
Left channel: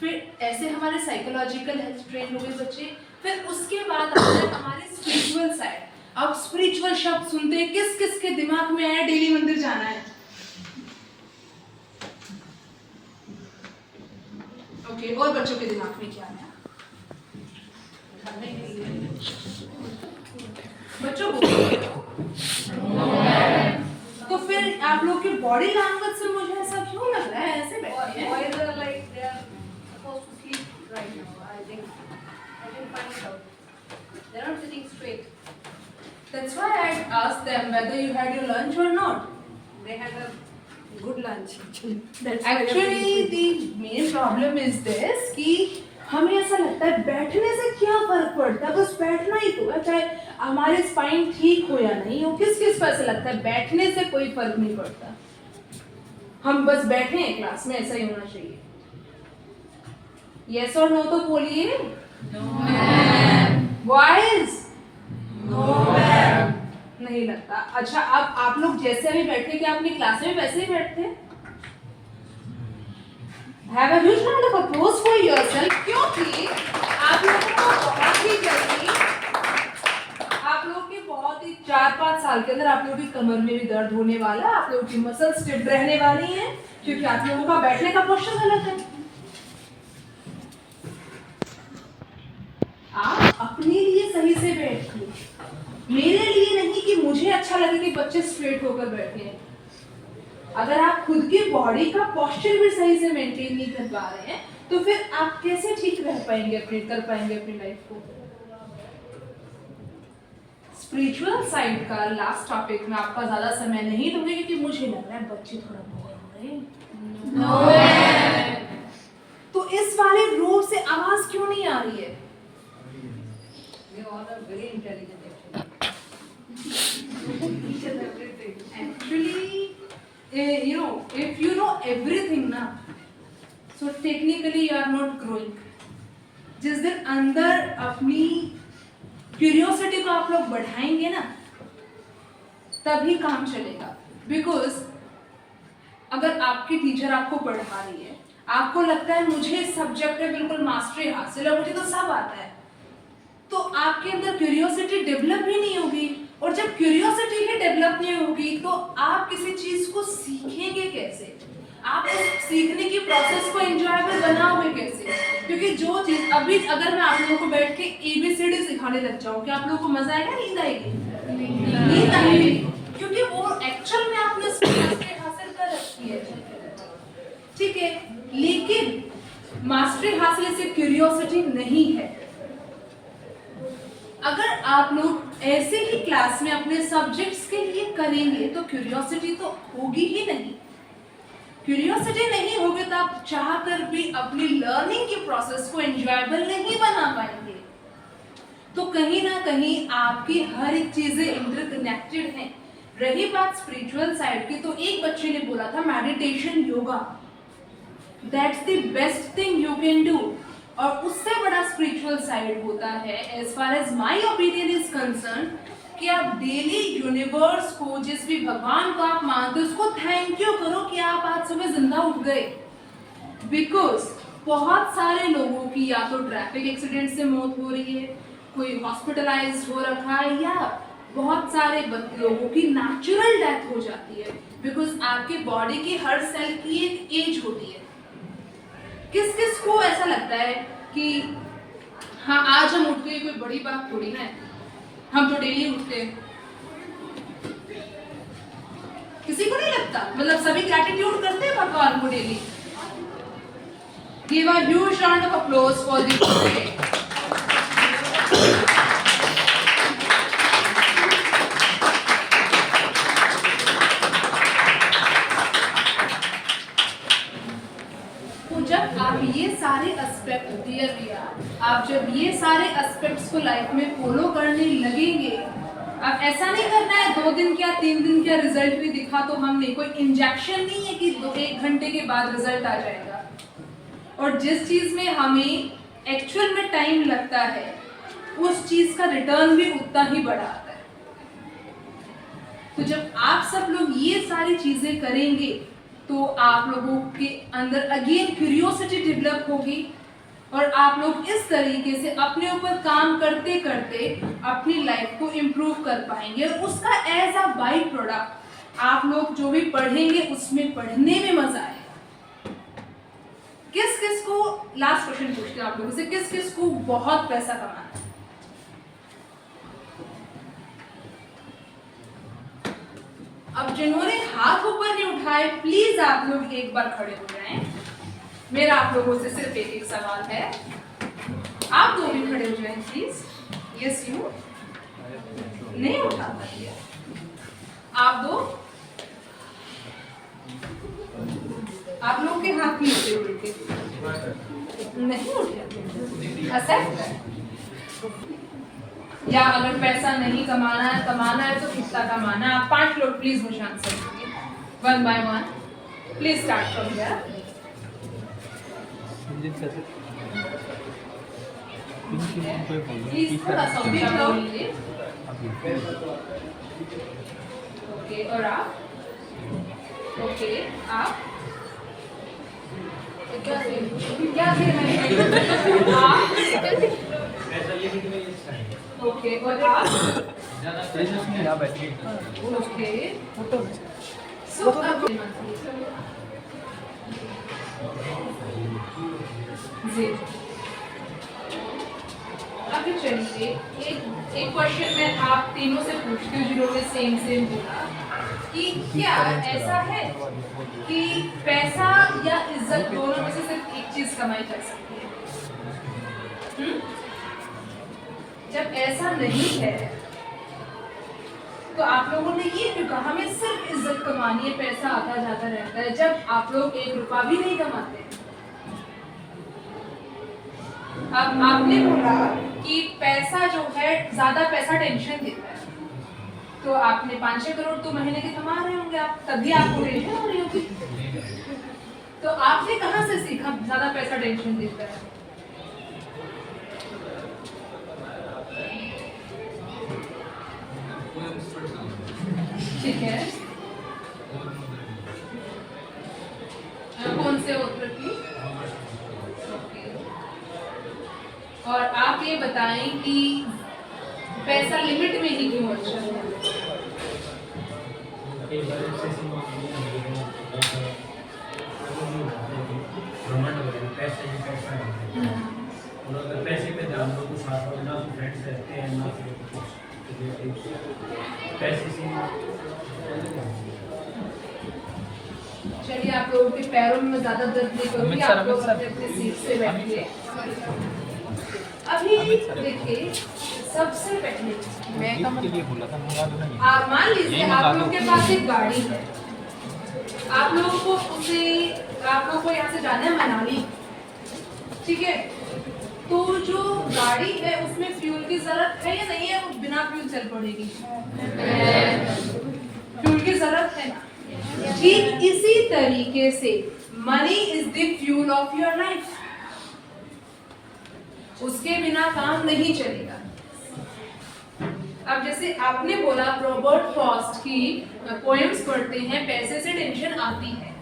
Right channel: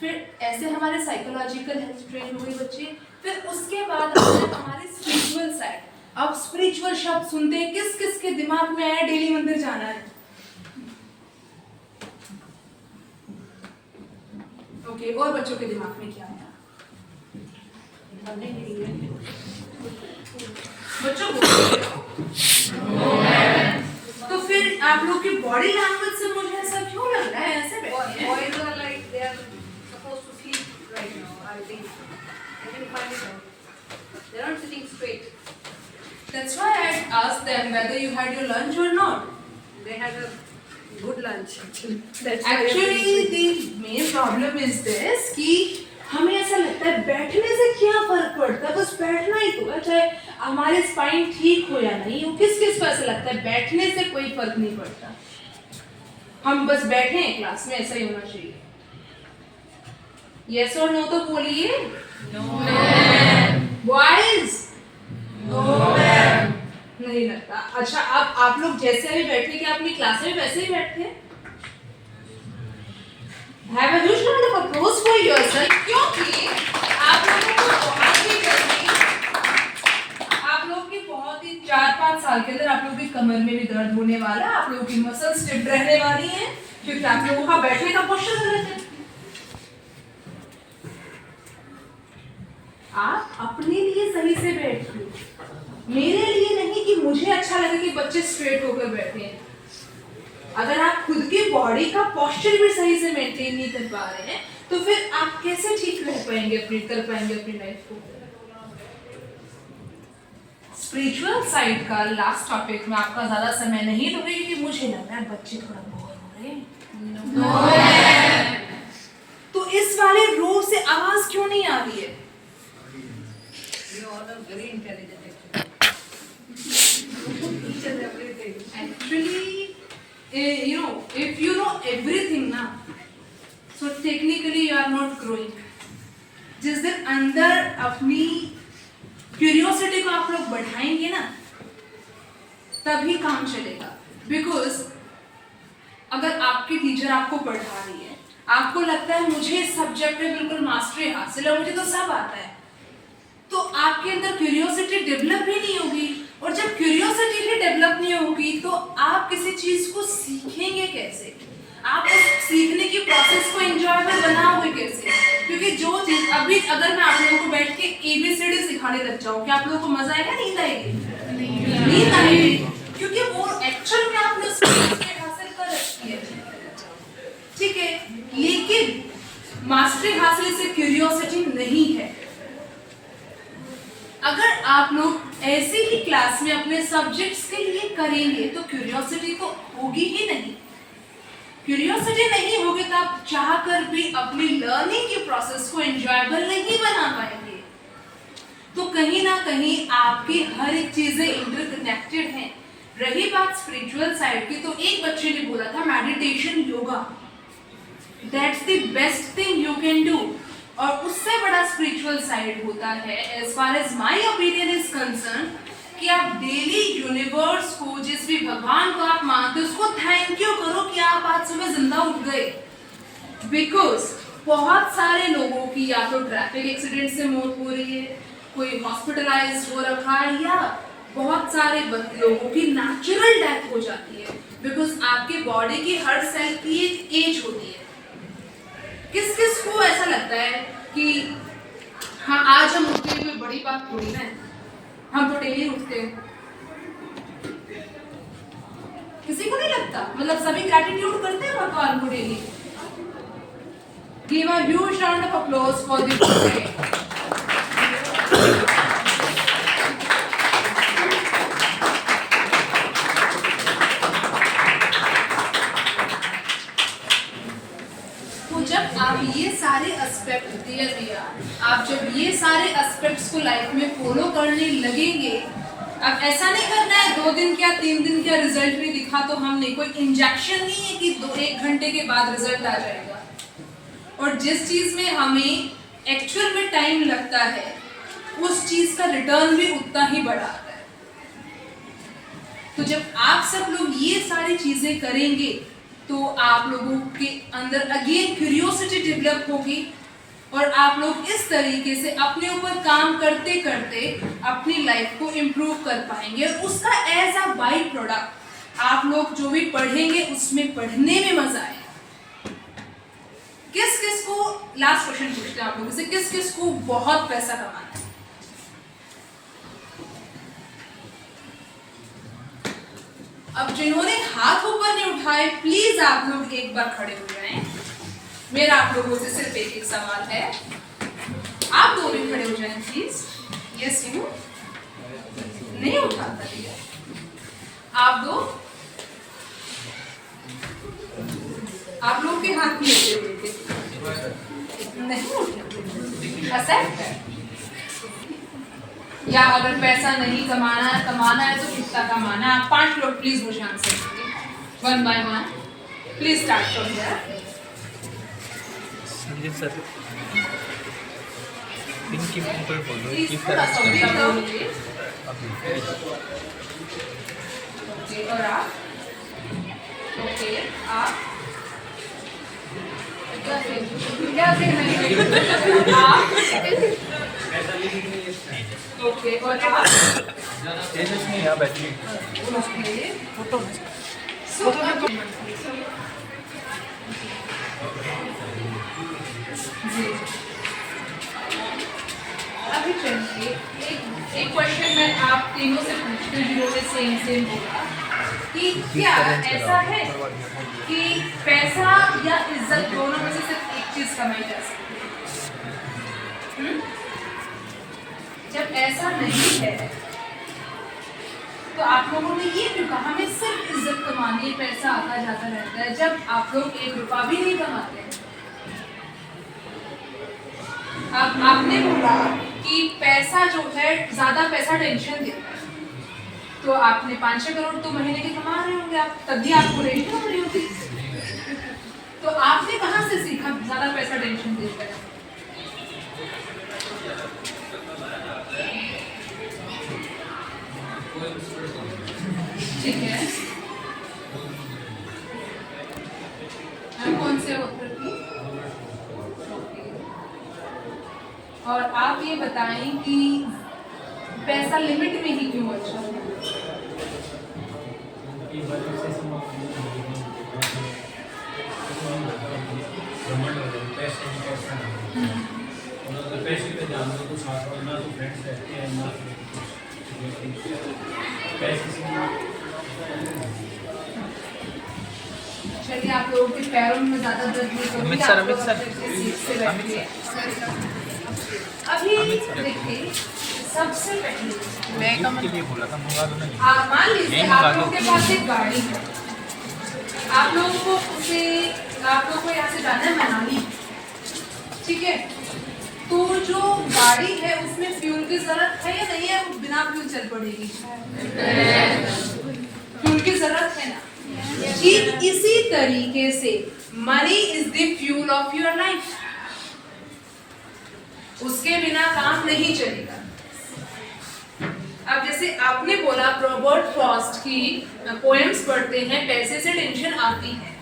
फिर ऐसे हमारे साइकोलॉजिकल हेल्थ ट्रेन हो गए बच्चे। फिर उसके बाद आता है हमारे स्पिरिचुअल साइड। अब स्पिरिचुअल शब्द सुनते हैं, किस किस के दिमाग में आया डेली मंदिर जाना है? ओके, और बच्चों के दिमाग में क्या आया? बच्चों तो फिर आप लोग की बॉडी लैंग्वेज से मुझे ऐसा क्यों लग रहा है ऐसे बैठे हैं? Boys are like they are supposed to sleep right now. I think find it out. They are not sitting straight. That's why I asked them whether you had your lunch or not. They had a good lunch actually. Actually, the main problem is this कि हमें ऐसा लगता है बैठने से क्या फर्क पड़ता है, बस बैठना ही तो है, चाहे हमारे स्पाइन ठीक हो या नहीं हो। किस किस को ऐसा लगता है बैठने से कोई फर्क नहीं पड़ता, हम बस बैठे हैं क्लास में, ऐसा ही होना चाहिए। यस और नो तो बोलिए। No ma'am. Boys? No ma'am. नहीं लगता। अच्छा, अब आप लोग जैसे अभी बैठे, क्या अपनी क्लास में वैसे ही बैठते? Have a huge round of applause for yourself, क्योंकि आप लोगों को बहुत ही जल्दी, आप लोग की बहुत ही 4-5 साल के अंदर आप लोगों की कमर में भी दर्द होने वाला है, आप लोगों की मसल स्टिफ रहने वाली है, क्योंकि आप लोगों का बैठने का पोस्चर गलत है। आप अपने लिए सही से बैठिए, मेरे लिए नहीं कि मुझे अच्छा लगे कि बच्चे स्ट्रेट होकर बैठे हैं। अगर आप खुद की बॉडी का पोस्चर भी सही से मेंटेन नहीं कर पा रहे हैं तो फिर आप कैसे ठीक रह पाएंगे, कर पाएंगे अपनी लाइफ को। स्पिरिचुअल साइड का लास्ट टॉपिक में आपका ज्यादा समय नहीं दूंगी क्योंकि मुझे लग रहा है बच्चे थोड़ा बोर हो रहे हैं। तो इस वाले रो से आवाज क्यों नहीं आ रही है? You all are very intelligent actually. Actually if you know everything ना, so technically you are not growing. जिस दिन अंदर अपनी क्यूरियोसिटी को आप लोग बढ़ाएंगे ना, तभी काम चलेगा. बिकॉज अगर आपकी टीचर आपको पढ़ा रही है, आपको लगता है मुझे इस सब्जेक्ट में बिल्कुल मास्टरी हासिल है, मुझे तो सब आता है, तो आपके अंदर क्यूरियोसिटी डेवलप भी नहीं होगी. और जब क्यूरियोसिटी ही डेवलप नहीं होगी तो आप किसी चीज को सीखेंगे कैसे? आप उस सीखने की प्रोसेस को एंजॉयबल बनाओगे कैसे? क्योंकि जो चीज अभी अगर मैं आप लोगों को बैठ के ABCD सिखाने लग जाऊं, क्या आप लोगों को मजा आएगा? नींद आएगी? नींद आएगी, क्योंकि वो एक्चुअल में आपने उसको हासिल कर रखी है. ठीक है, लेकिन मास्टरी हासिल से क्यूरियोसिटी नहीं है. अगर आप लोग ऐसे ही क्लास में अपने सब्जेक्ट्स के लिए करेंगे तो क्यूरियोसिटी तो होगी ही नहीं. क्यूरियोसिटी नहीं होगी तो आप चाहकर भी अपनी लर्निंग की प्रोसेस को एंजॉयबल नहीं बना पाएंगे. तो कहीं ना कहीं आपकी हर एक चीजें इंटरकनेक्टेड हैं. रही बात स्पिरिचुअल साइड की, तो एक बच्चे ने बोला था meditation yoga that's the best thing you can do. और उससे बड़ा स्पिरिचुअल साइड होता है, as far as my opinion is concerned, कि आप डेली यूनिवर्स को, जिस भी भगवान को आप मानते हो, उसको थैंक यू करो कि आप आज सुबह जिंदा उठ गए. बिकॉज बहुत सारे लोगों की या तो ट्रैफिक एक्सीडेंट से मौत हो रही है, कोई हॉस्पिटलाइज हो रखा है, या बहुत सारे लोगों की नेचुरल डेथ हो जाती है. बिकॉज आपकी बॉडी की हर सेल की एक एज होती है. किस किस को ऐसा लगता है कि हाँ आज हम उठते हैं, कोई बड़ी बात थोड़ी ना है, हम तो डेली उठते हैं? किसी को नहीं लगता? मतलब सभी ग्रैटिट्यूड करते हैं भगवान को daily. Give a huge round of applause for the आप ये सारे एस्पेक्ट क्लियर किया, आप जब ये सारे एस्पेक्ट्स को लाइफ में फॉलो करने लगेंगे, अब ऐसा नहीं करना है 2 दिन क्या 3 दिन क्या रिजल्ट भी दिखा तो हम नहीं, कोई इंजेक्शन नहीं है कि 1 घंटे के बाद रिजल्ट आ जाएगा. और जिस चीज में हमें एक्चुअल में टाइम लगता है, उस चीज का रिटर्न भी उतना ही बड़ा आता है. तो जब आप सब लोग ये सारी चीजें करेंगे तो आप लोगों के अंदर अगेन क्यूरियोसिटी डेवलप होगी, और आप लोग इस तरीके से अपने ऊपर काम करते करते अपनी लाइफ को इम्प्रूव कर पाएंगे. और उसका एज अ बाई प्रोडक्ट आप लोग जो भी पढ़ेंगे उसमें पढ़ने में मजा आएगा. किस किस को, लास्ट क्वेश्चन पूछते हैं आप लोगों से, किस किस को बहुत पैसा कमाना है? अब जिन्होंने हाथ ऊपर नहीं उठाए, प्लीज आप लोग एक बार खड़े हो जाएं. मेरा आप लोगों से सिर्फ एक सवाल है, आप दो भी खड़े हो जाएं प्लीज. यस यू नहीं उठाता है, आप दो, आप लोगों के हाथ नहीं उठे नहीं उठे. ऐसा या अगर पैसा नहीं कमाना है तो कितना कमाना है? आप 5 लोग प्लीज मुझे आंसर दीजिए, 1 by 1. Please start from here. Sanjeev sir, इनकी ऊपर बोलो प्लीज कि थोड़ा सा वेट करो. ओके, और आप? ओके, आप क्या ओके, और आप? तेजस्वी यहाँ बैठी ओके, फोटो जी. अभी चलिए एक क्वेश्चन मैं आप तीनों से पूछती हूँ जिन्हों में सेम होगा, कि क्या ऐसा है कि पैसा या इज्जत दोनों में से सिर्फ एक चीज कमाई जा सकती है? जब ऐसा नहीं है तो आप लोगों ने ये क्यों कहा हमें सिर्फ इज्जत कमानी है, पैसा आता जाता रहता है, जब आप लोग 1 रुपया भी नहीं कमाते? अब आपने बोला कि पैसा जो है, ज्यादा पैसा टेंशन देता है. तो आपने 5-6 करोड़ तो महीने के कमा रहे होंगे आप, तभी आपको टेंशन हो रही होगी। तो आपने कहाँ से सीखा ज्यादा पैसा टेंशन देता है? ठीक है, कौन से ऑथर की? ओके। और आप ये बताएं कि पैसा लिमिट में ही क्यों अच्छा है? पैसे पे ध्यान दो तो साथ और ना तो फ्रेंड्स रहते हैं ना पैसे से चलिए, आप लोगों के पैरों में ज्यादा दर्द नहीं करूंगी, अमित सर, आप लोग अमित सर। अपने सीट से बैठिए। अभी देखिए, सबसे पहले मैं के लिए बोला था, मंगा दो ना। आप मान लीजिए यही मंगा आप दो। लोगों के पास एक गाड़ी है, आप लोगों को उसे आपको को यहाँ से जाना है मनाली, ठीक है? तो जो गाड़ी है उसमें फ्यूल की जरूरत है या नहीं है? वो बिना फ्यूल चल पड़ेगी, फ्यूल की जरूरत है ना? ठीक इसी तरीके से money is the fuel of your life, उसके बिना काम नहीं चलेगा। अब जैसे आपने बोला रॉबर्ट फ्रॉस्ट की पोएम्स पढ़ते हैं, पैसे से टेंशन आती है।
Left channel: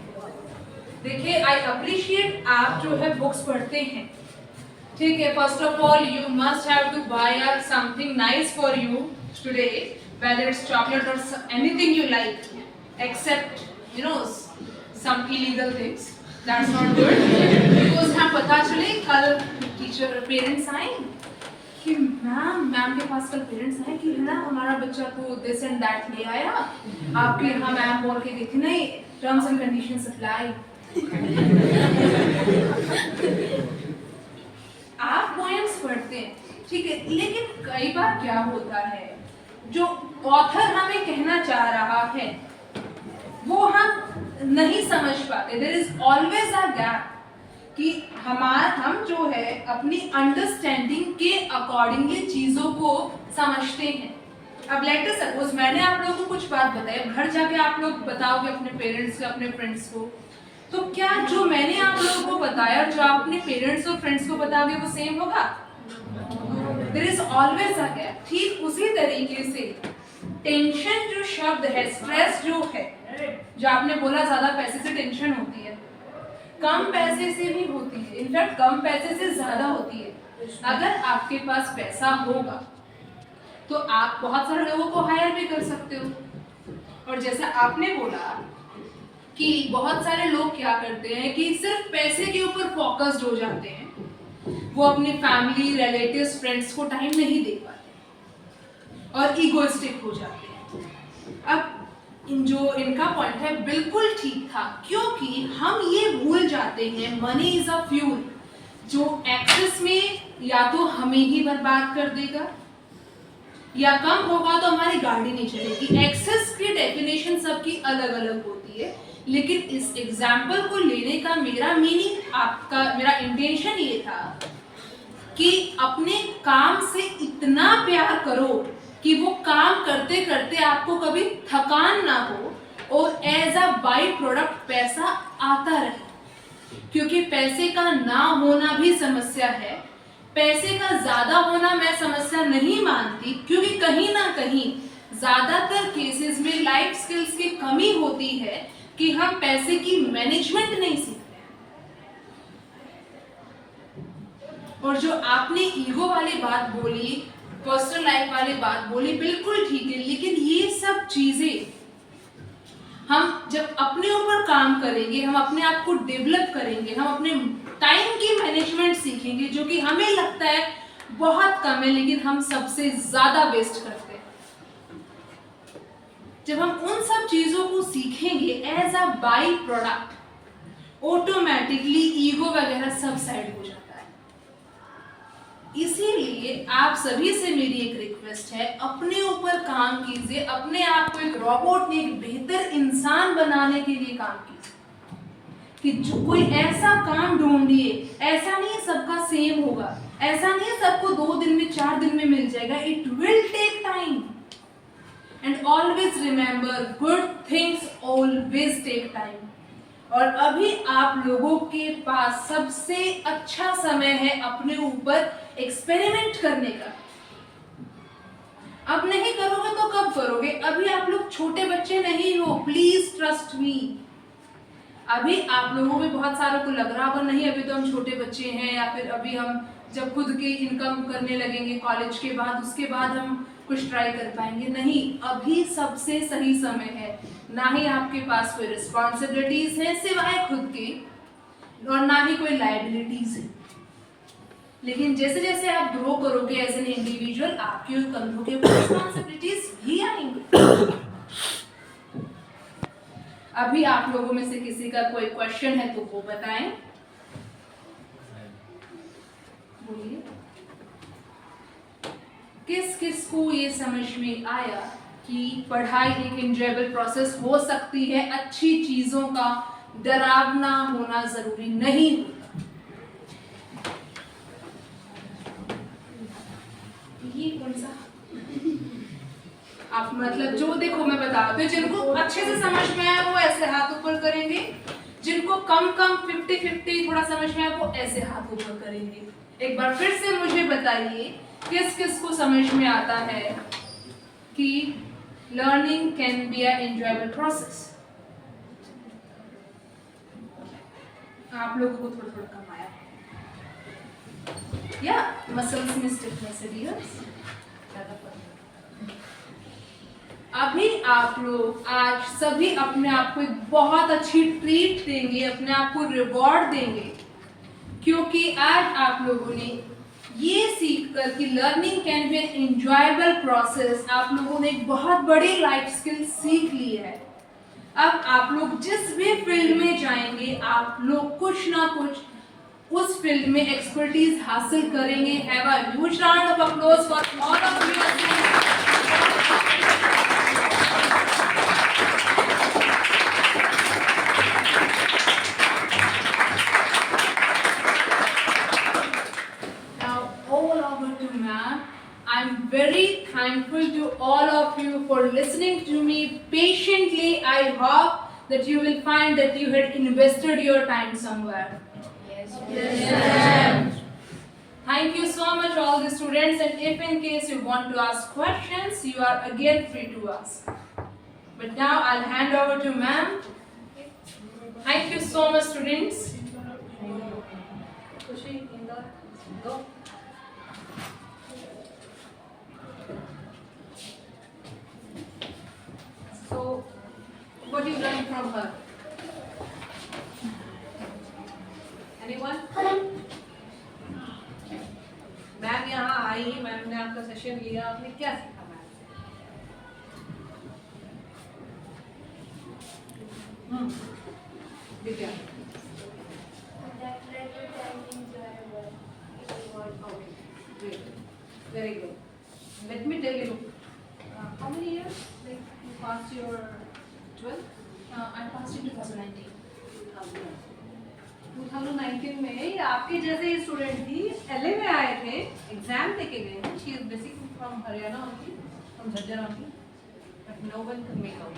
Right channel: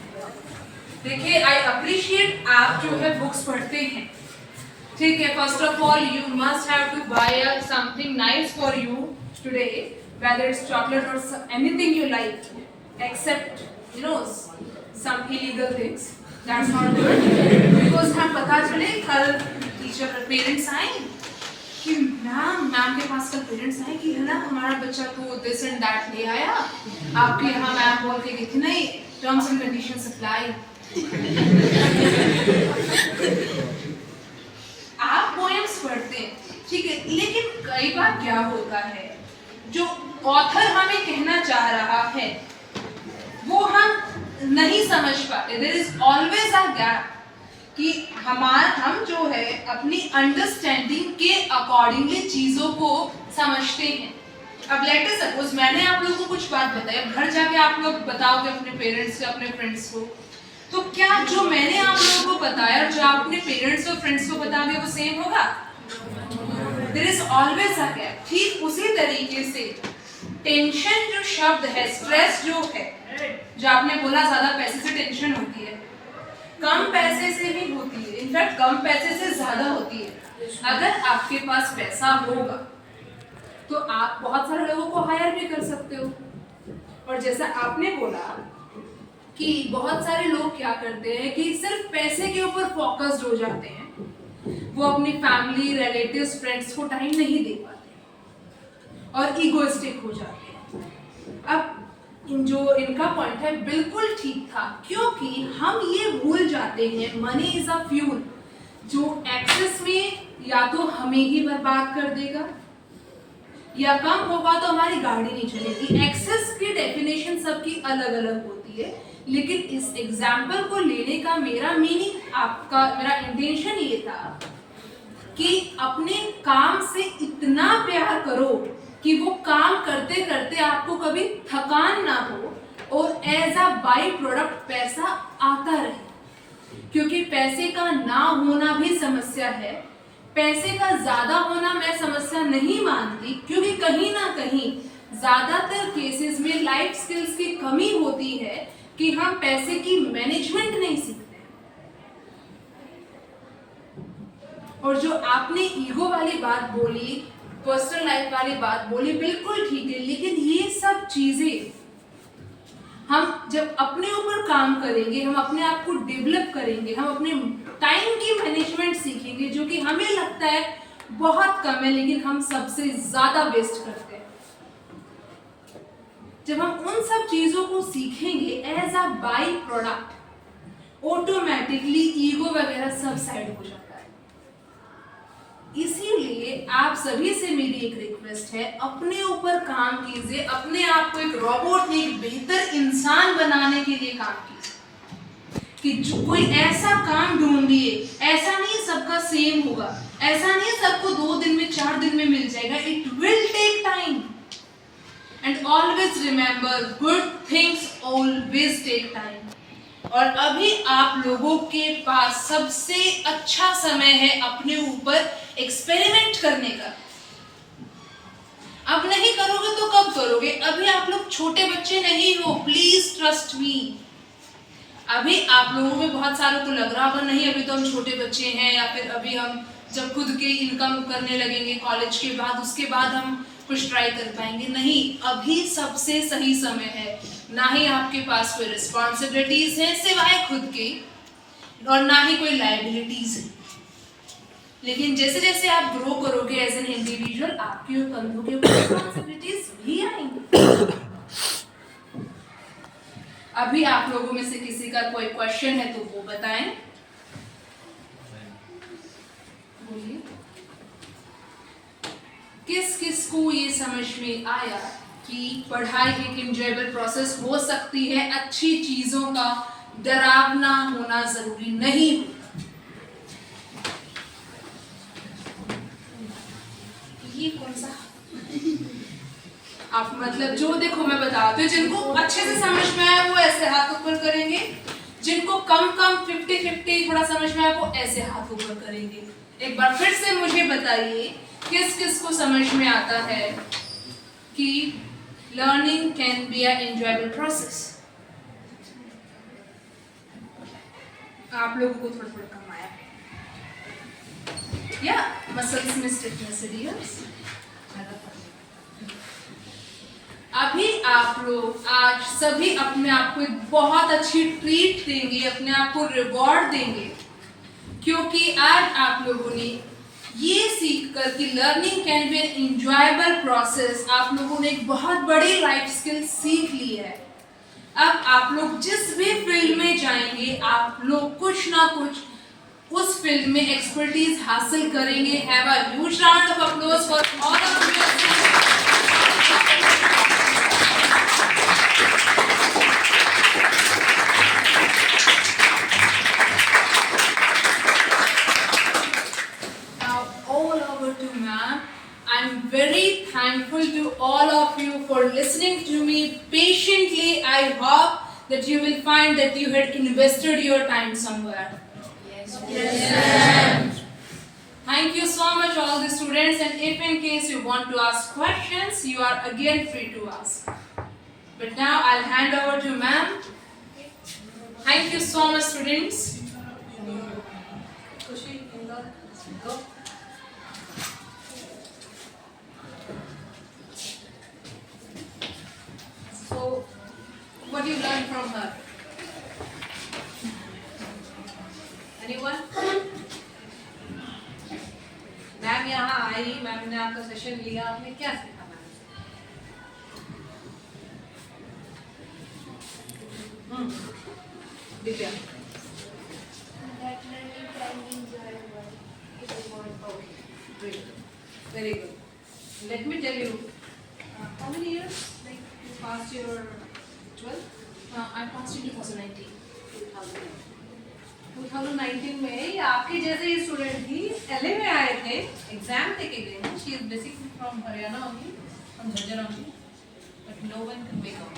देखिए, आई अप्रिशिएट आप जो है बुक्स पढ़ते हैं, ठीक है? First of all you must have to buy something nice for you today, whether it's chocolate or anything you like, except some illegal things. That's not good. Because हम पता चले कल टीचर पेरेंट्स आए कि मैम के पास कल parents आए कि है ना हमारा बच्चा तो दिस एंड दैट ले आया, आपके यहाँ मैम बोल के गई थी नहीं, टर्म्स एंड कंडीशंस अप्लाई। आप पोएम्स पढ़ते हैं, ठीक है, लेकिन कई बार क्या होता है, जो ऑथर हमें कहना चाह रहा है वो हम नहीं समझ पाते। There is always a gap कि हम जो है अपनी अंडरस्टैंडिंग के अकॉर्डिंगली चीजों को समझते हैं। अब लेट अस सपोज मैंने आप लोगों को कुछ बात बताई, घर जाके आप लोग बताओगे अपने पेरेंट्स को, अपने फ्रेंड्स को, तो क्या जो मैंने आप लोगों को बताया जो आप अपने पेरेंट्स और फ्रेंड्स को बताओगे वो सेम होगा? There is always a gap. ठीक उसी तरीके से टेंशन जो शब्द है, स्ट्रेस जो है, जो आपने बोला ज्यादा पैसे से टेंशन होती है, कम पैसे से भी होती है, इनफैक्ट कम पैसे से ज्यादा होती है। अगर आपके पास पैसा होगा तो आप बहुत सारे लोगों को हायर भी कर सकते हो। और जैसा आपने बोला कि बहुत सारे लोग क्या करते हैं कि सिर्फ पैसे के ऊपर फोकस्ड हो जाते हैं, वो अपनी फैमिली, रिलेटिव्स, फ्रेंड्स को टाइम नहीं दे पाते और ईगोइस्टिक हो जाते हैं। अब जो इनका पॉइंट है बिल्कुल ठीक था, क्योंकि हम ये भूल जाते हैं मनी इज अ फ्यूल जो एक्सेस में या तो हमें ही बर्बाद कर देगा या कम होगा तो हमारी गाड़ी नहीं चलेगी। एक्सेस की डेफिनेशन सबकी अलग अलग होती है, लेकिन इस एग्जाम्पल को लेने का मेरा मीनिंग, मेरा इंटेंशन ये था कि अपने काम से इतना प्यार करो कि वो काम करते करते आपको कभी थकान ना हो और एज अ बाई प्रोडक्ट पैसा आता रहे। क्योंकि पैसे का ना होना भी समस्या है, पैसे का ज्यादा होना मैं समस्या नहीं मानती, क्योंकि कहीं ना कहीं ज्यादातर केसेस में लाइफ स्किल्स की कमी होती है कि हम पैसे की मैनेजमेंट नहीं सीखते। और जो आपने ईगो वाली बात बोली, पर्सनल लाइफ वाली बात बोली, बिल्कुल ठीक है, लेकिन ये सब चीजें हम जब अपने ऊपर काम करेंगे, हम अपने आप को डेवलप करेंगे, हम अपने टाइम की मैनेजमेंट सीखेंगे, जो कि हमें लगता है बहुत कम है लेकिन हम सबसे ज्यादा वेस्ट करते हैं। जब हम उन सब चीजों को सीखेंगे as a by product, automatically ego वगैरह सब साइड हो जाता है। इसीलिए आप सभी से मेरी एक रिक्वेस्ट है, अपने ऊपर काम कीजिए, अपने आप को एक रोबोट नहीं एक बेहतर इंसान बनाने के लिए काम कीजिए। कि जो कोई ऐसा काम ढूंढिए, ऐसा नहीं सबका सेम होगा, ऐसा नहीं सबको 2 दिन में 4 दिन में मिल जाएगा, it will take time and always remember good things always take time. और अभी आप लोगों के पास सबसे अच्छा समय है अपने ऊपर एक्सपेरिमेंट करने का। अब नहीं करोगे तो कब करोगे? अभी आप लोग छोटे बच्चे नहीं हो, प्लीज ट्रस्ट मी। अभी आप लोगों में बहुत सारों को लग रहा होगा नहीं अभी तो हम छोटे बच्चे हैं, या फिर अभी हम जब खुद के इनकम करने लगेंगे कॉलेज के बाद उसके बाद हम कुछ ट्राई कर पाएंगे। नहीं, अभी सबसे सही समय है। ना ही आपके पास कोई रिस्पॉन्सिबिलिटीज है सिवाय खुद के, और ना ही कोई लायबिलिटीज है। लेकिन जैसे जैसे आप ग्रो करोगे एज एन इंडिविजुअल, आपके कंधों के ऊपर रिस्पॉन्सिबिलिटीज भी आएंगी। अभी आप लोगों में से किसी का कोई क्वेश्चन है तो वो बताएं। बोलिए, किस किस को ये समझ में आया कि पढ़ाई एक एंजॉयबल प्रोसेस हो सकती है, अच्छी चीजों का डरावना होना जरूरी नहीं होता। ये कौन सा आप मतलब जो देखो मैं बताती हूँ, जिनको अच्छे से समझ में आया वो ऐसे हाथ ऊपर करेंगे, जिनको कम 50-50 थोड़ा समझ में आया वो ऐसे हाथ ऊपर करेंगे। एक बार फिर से मुझे बताइए किस किस को समझ में आता है कि learning can be a enjoyable process. आप लोगों को थोड़ा थोड़ा कम आया या मसल्स में स्टिफनेस है। अभी आप लोग आज सभी अपने आप को एक बहुत अच्छी ट्रीट देंगे, अपने आप को रिवॉर्ड देंगे, क्योंकि आज आप लोगों ने ये सीख कर कि learning can be an enjoyable process, आप लोगों ने एक बहुत बड़ी लाइफ स्किल सीख ली है। अब आप लोग जिस भी फील्ड में जाएंगे, आप लोग कुछ ना कुछ उस फील्ड में एक्सपर्टीज हासिल करेंगे। Have a huge round of applause for all of you. I'm very thankful to all of you for listening to me patiently. I hope that you will find that you had invested your time somewhere. Yes. Thank you so much all the students, and if in case you want to ask questions, you are again free to ask. But now I'll hand over to ma'am. Thank you so much students. Kushi, Indra, go. So, what do you learn from her? Anyone? Ma'am यहाँ आई, ma'am ने आपका session लिया, आपने क्या सीखा ma'am से? Divya. That learning can be enjoyable. It is worth Okay, great, very good. Let me tell you, how many years like you passed your 12? I passed in 2019. 2019 में आपके जैसे ही स्टूडेंट थी, LA में आए थे, एग्जाम देके गए हैं। She is basically from Haryana only, from Jhajjar only, but no one can make out.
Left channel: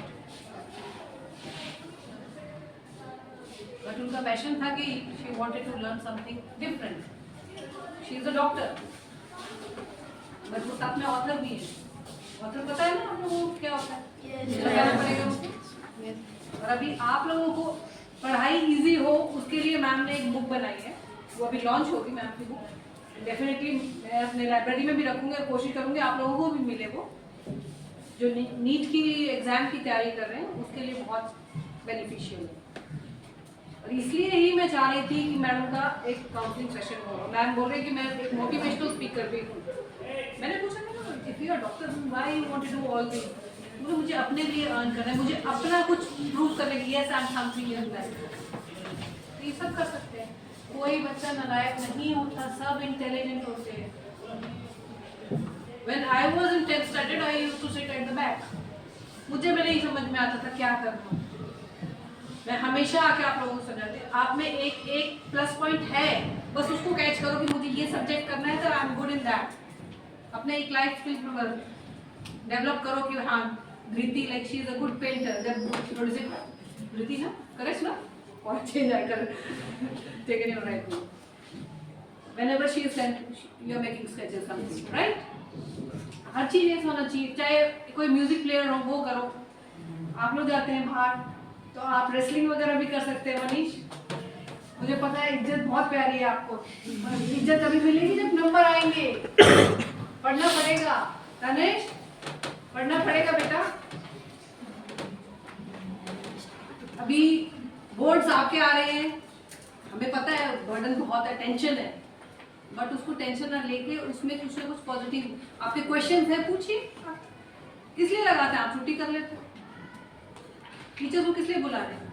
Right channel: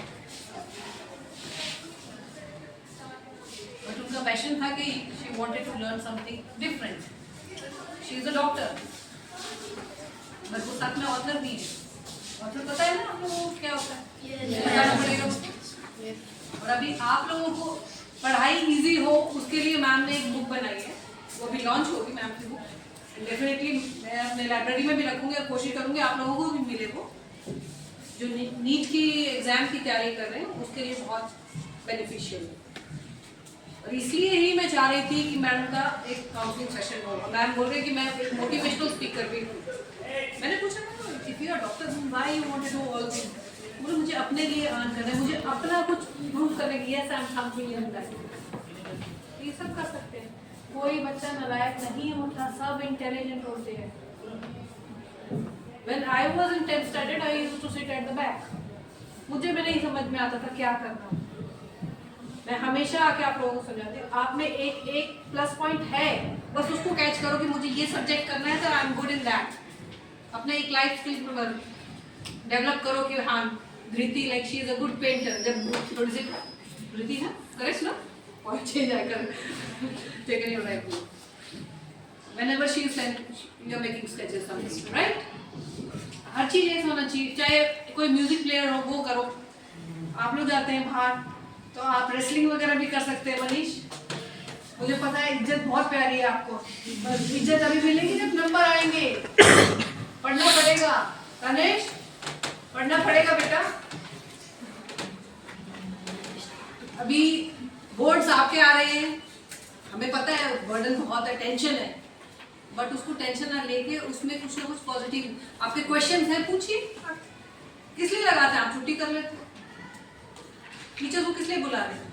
But उनका पैशन था कि she wanted to learn something different. She is a doctor, but वो साथ में ऑथर भी है। ऑथर पता है ना आप लोगों को क्या होता है? बताना पड़ेगा उसको। और अभी आप लोगों को पढ़ाई इजी हो उसके लिए मैम ने एक बुक बनाई है, वो अभी लॉन्च होगी मैम की बुक। डेफिनेटली मैं अपने लाइब्रेरी में भी रखूँगी और कोशिश करूँगी आप लोगों को भी मिले वो, जो नीट की एग्ज़ाम की तैयारी कर रहे हैं उसके लिए बहुत बेनिफिशियल है। और इसलिए ही मैं चाह रही थी कि मैडम का एक काउंसलिंग सेशन होगा। मैम बोल रहे हैं कि मैं एक मोटिवेशनल स्पीकर भी हूँ। मैंने पूछा ना, if you are doctor why you want to do all this? मुझे अपने लिए अर्न करना है, मुझे अपना कुछ प्रूव करने की, yes I am something in that. ये सब कर सकते हैं, कोई बच्चा नालायक नहीं होता, सब इंटेलिजेंट होते हैं। When I was in 10th standard, I used to sit at the back. मुझे भी नहीं समझ में आता था क्या करना। मैं हमेशा आके आप लोगों को समझाती हूँ, आप में एक प्लस पॉइंट है, बस उसको कैच करो कि मुझे ये सब्जेक्ट करना है तो I am good in that. अपने एक लाइफ स्किल डेवलप करो कि हाँ Dhriti, like she is a good painter. What is it? Dhriti, na? Correct, na? Or change I taken your right name. Whenever she is sent, you're making sketches, something, right? हर चीज एक होना चाहिए, चाहे कोई music player हो वो करो, आप लोग जाते हैं बाहर तो आप रेसलिंग वगैरह भी कर सकते हैं। मनीष, मुझे पता है इज्जत बहुत प्यारी है आपको, और इज्जत अभी मिलेगी जब नंबर आएंगे। पढ़ना पड़ेगा तनेश, पढ़ना पड़ेगा बेटा। अभी बोर्ड्स आपके आ रहे हैं, हमें पता है बर्डन बहुत है, टेंशन है, बट उसको टेंशन ना लेके उसमें कुछ ना कुछ पॉजिटिव आपके क्वेश्चन हैं पूछिए। किस लिए लगाते हैं आप, छुट्टी कर लेते, टीचर को किस लिए बुला रहे हैं?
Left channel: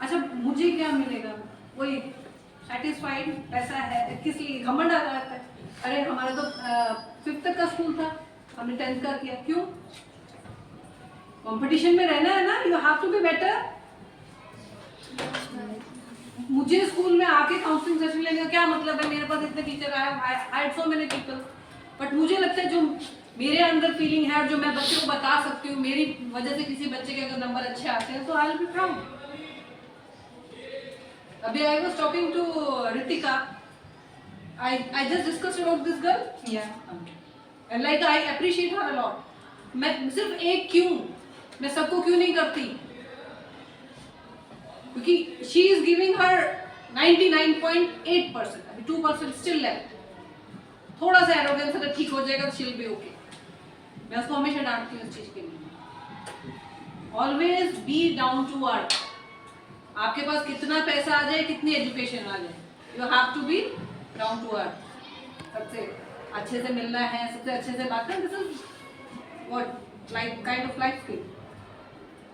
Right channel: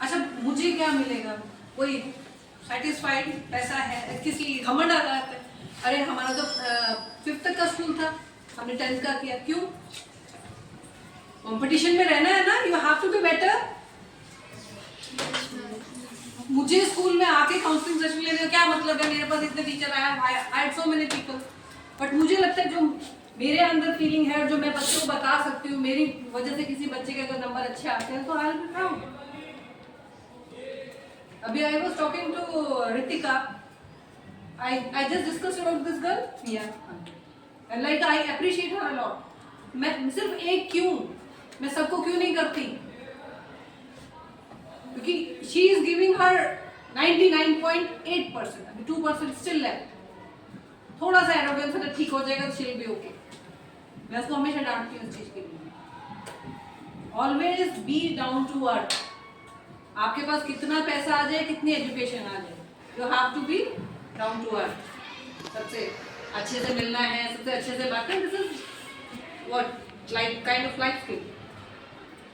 अच्छा मुझे क्या मिलेगा, कोई सेटिस्फाइड पैसा है, किस लिए घमंड आ जाता है? अरे हमारा तो 5th तक का स्कूल था, हमने 10th का किया, क्यों? कंपटीशन में रहना है ना, you have to be better. मुझे स्कूल में आके काउंसलिंग सेशन लेने का क्या मतलब है? मेरे पास इतने टीचर आए, आई सो मेनी पीपल, बट मुझे लगता है जो मेरे अंदर फीलिंग है और जो मैं बच्चे को बता सकती हूँ, मेरी वजह से किसी बच्चे के अगर नंबर अच्छे आते हैं तो आई विल बी प्राउड। अभी I was talking to Ritika, I just discuss about this girl, yeah and like I appreciate her a lot. मैं सिर्फ एक क्यों, मैं सबको क्यों नहीं करती? क्योंकि शी इज गिविंग हर 99.8%, अभी 2% स्टिल लेफ्ट। थोड़ा सा एरोगेंस अगर ठीक हो जाएगा तो शील बी ओके। मैं उसको हमेशा डांटती हूँ इस चीज के लिए। Always be down to earth. आपके पास कितना पैसा आ जाए, कितनी एजुकेशन आ जाए, you have to be down to earth. सबसे अच्छे से मिलना है, सबसे अच्छे से बात करना, this is what like kind of life skill.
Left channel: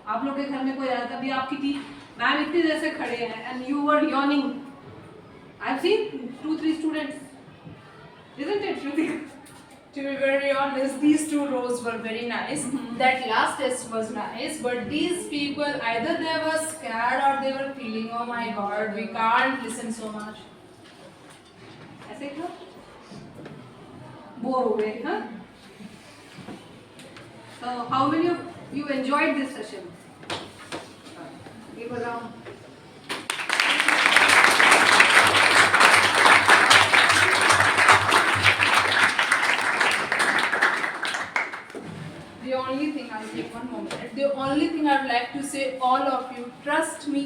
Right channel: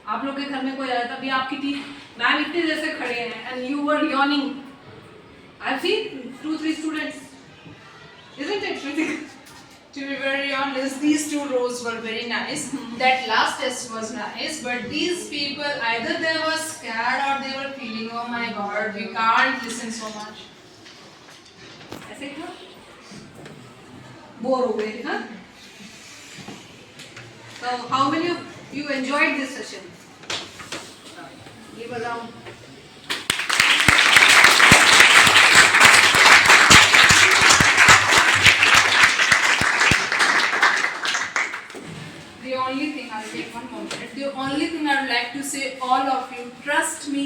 आप लोग के घर में कोई आया था, अभी आपकी मैम इतने देर से खड़े हैं and you were yawning. I have seen 2-3 students, isn't it Ritika? To be very honest, these 2 rows were very nice. That last test was nice, but these people either they were scared or they were feeling, oh my god, we can't listen so much. ऐसे क्यों bore हो गए? हाँ, so how many of you enjoyed this session? Give a round. The only thing, I'll take one more minute. The only thing I would like to say, all of you, trust me.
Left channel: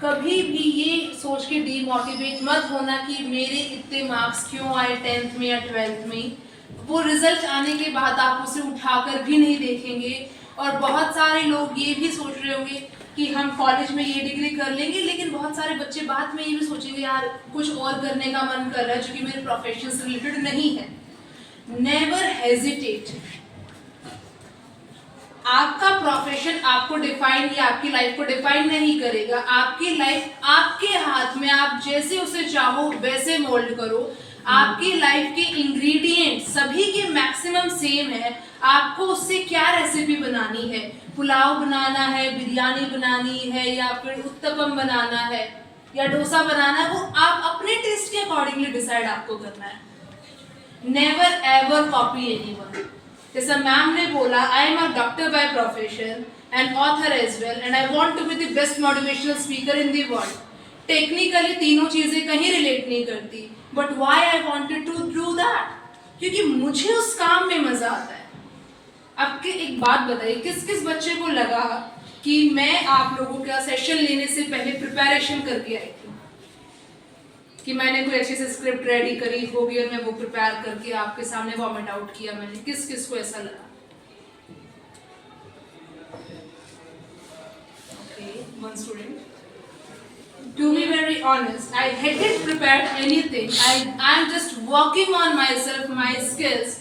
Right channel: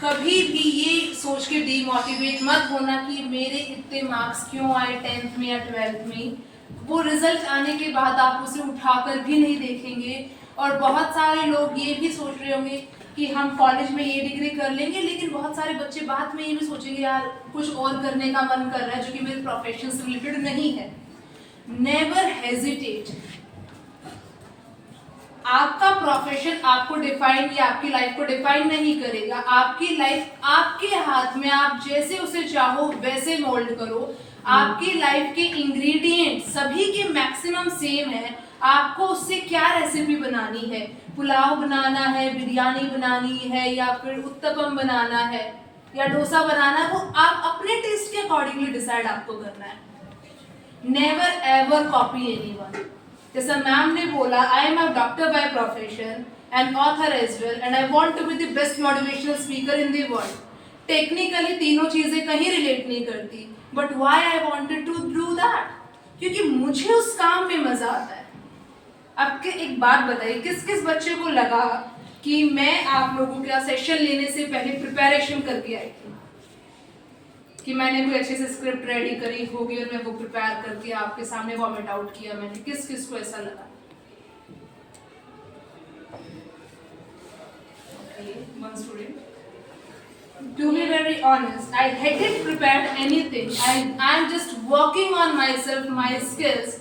कभी भी ये सोच के demotivate मत होना कि मेरे इतने मार्क्स क्यों आए 10th में या 12th में। वो रिजल्ट आने के बाद आप उसे उठाकर भी नहीं देखेंगे। और बहुत सारे लोग ये भी सोच रहे होंगे कि हम कॉलेज में ये डिग्री कर लेंगे, लेकिन बहुत सारे बच्चे बाद में ये भी सोचेंगे यार कुछ और करने का मन कर रहा है जो कि मेरे प्रोफेशन से रिलेटेड नहीं है। Never hesitate. आपका प्रोफेशन आपको डिफाइन या आपकी लाइफ को डिफाइन नहीं करेगा। आपकी लाइफ आपके हाथ में, आप जैसे उसे चाहो वैसे मोल्ड करो। आपकी लाइफ के इंग्रेडिएंट सभी के मैक्सिमम सेम है। आपको उससे क्या रेसिपी बनानी है, पुलाव बनाना है, बिरयानी बनानी है, या फिर उत्तपम बनाना है या डोसा बनाना है, वो आप अपने टेस्ट के अकॉर्डिंगली डिसाइड आपको करना है। Never ever copy anyone. जैसा मैम ने बोला, I am a doctor by profession and author as well, and I want to be the best motivational speaker in the world. Technically तीनों चीजें कहीं रिलेट नहीं करती, but why I wanted to do that, क्योंकि मुझे उस काम में मजा आता है। अब के एक बात बताइए, किस किस बच्चे को लगा कि मैं आप लोगों का सेशन लेने से पहले प्रिपरेशन करके आई थी, कि मैंने कोई अच्छे से स्क्रिप्ट रेडी करी होगी और मैं वो प्रिपेयर करके आपके सामने वॉमिट आउट किया मैंने? किस किस को ऐसा लगा? One student. To be very honest, I hadn't prepared anything. I'm just working on myself, my skills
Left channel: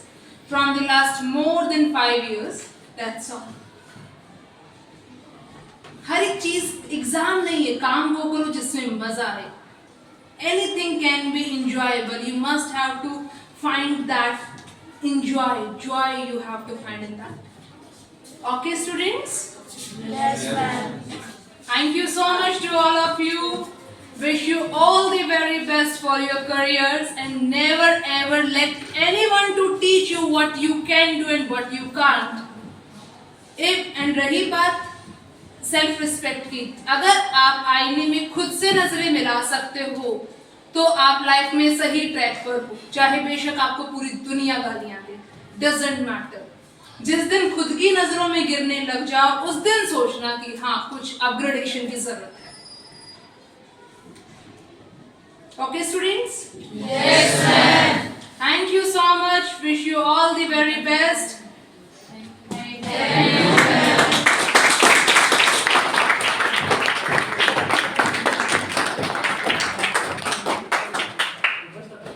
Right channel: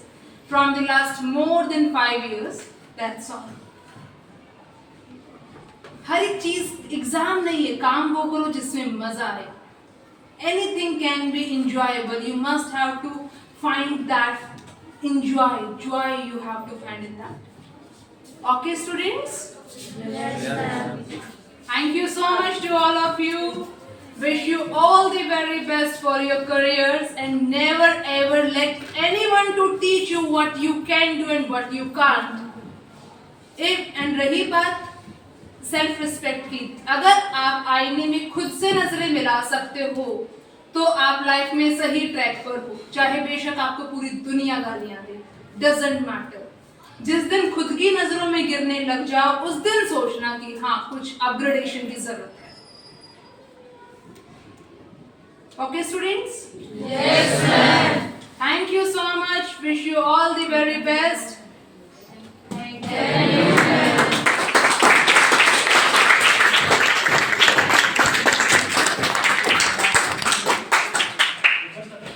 from the last more than 5 years. That's all. हर एक चीज एग्जाम नहीं है, काम वो करो जिसमें मजा आए। Anything can be enjoyable. You must have to find that joy you have to find in that. Okay, students? Yes, ma'am. Thank you so much to all of you. Wish you all the very best for your careers and never ever let anyone to teach you what you can do and what you can't. And रही बात self respect की, अगर आप आईने में खुद से नजरें मिला सकते हो तो आप लाइफ में सही ट्रैक पर हो, चाहे बेशक आपको पूरी दुनिया गालियां दे, डजंट मैटर। जिस दिन खुद की नजरों में गिरने लग जाओ उस दिन सोचना कि हाँ कुछ अपग्रेडेशन की जरूरत है। Okay, students? Yes, ma'am. Thank you so much. Wish you all the very best.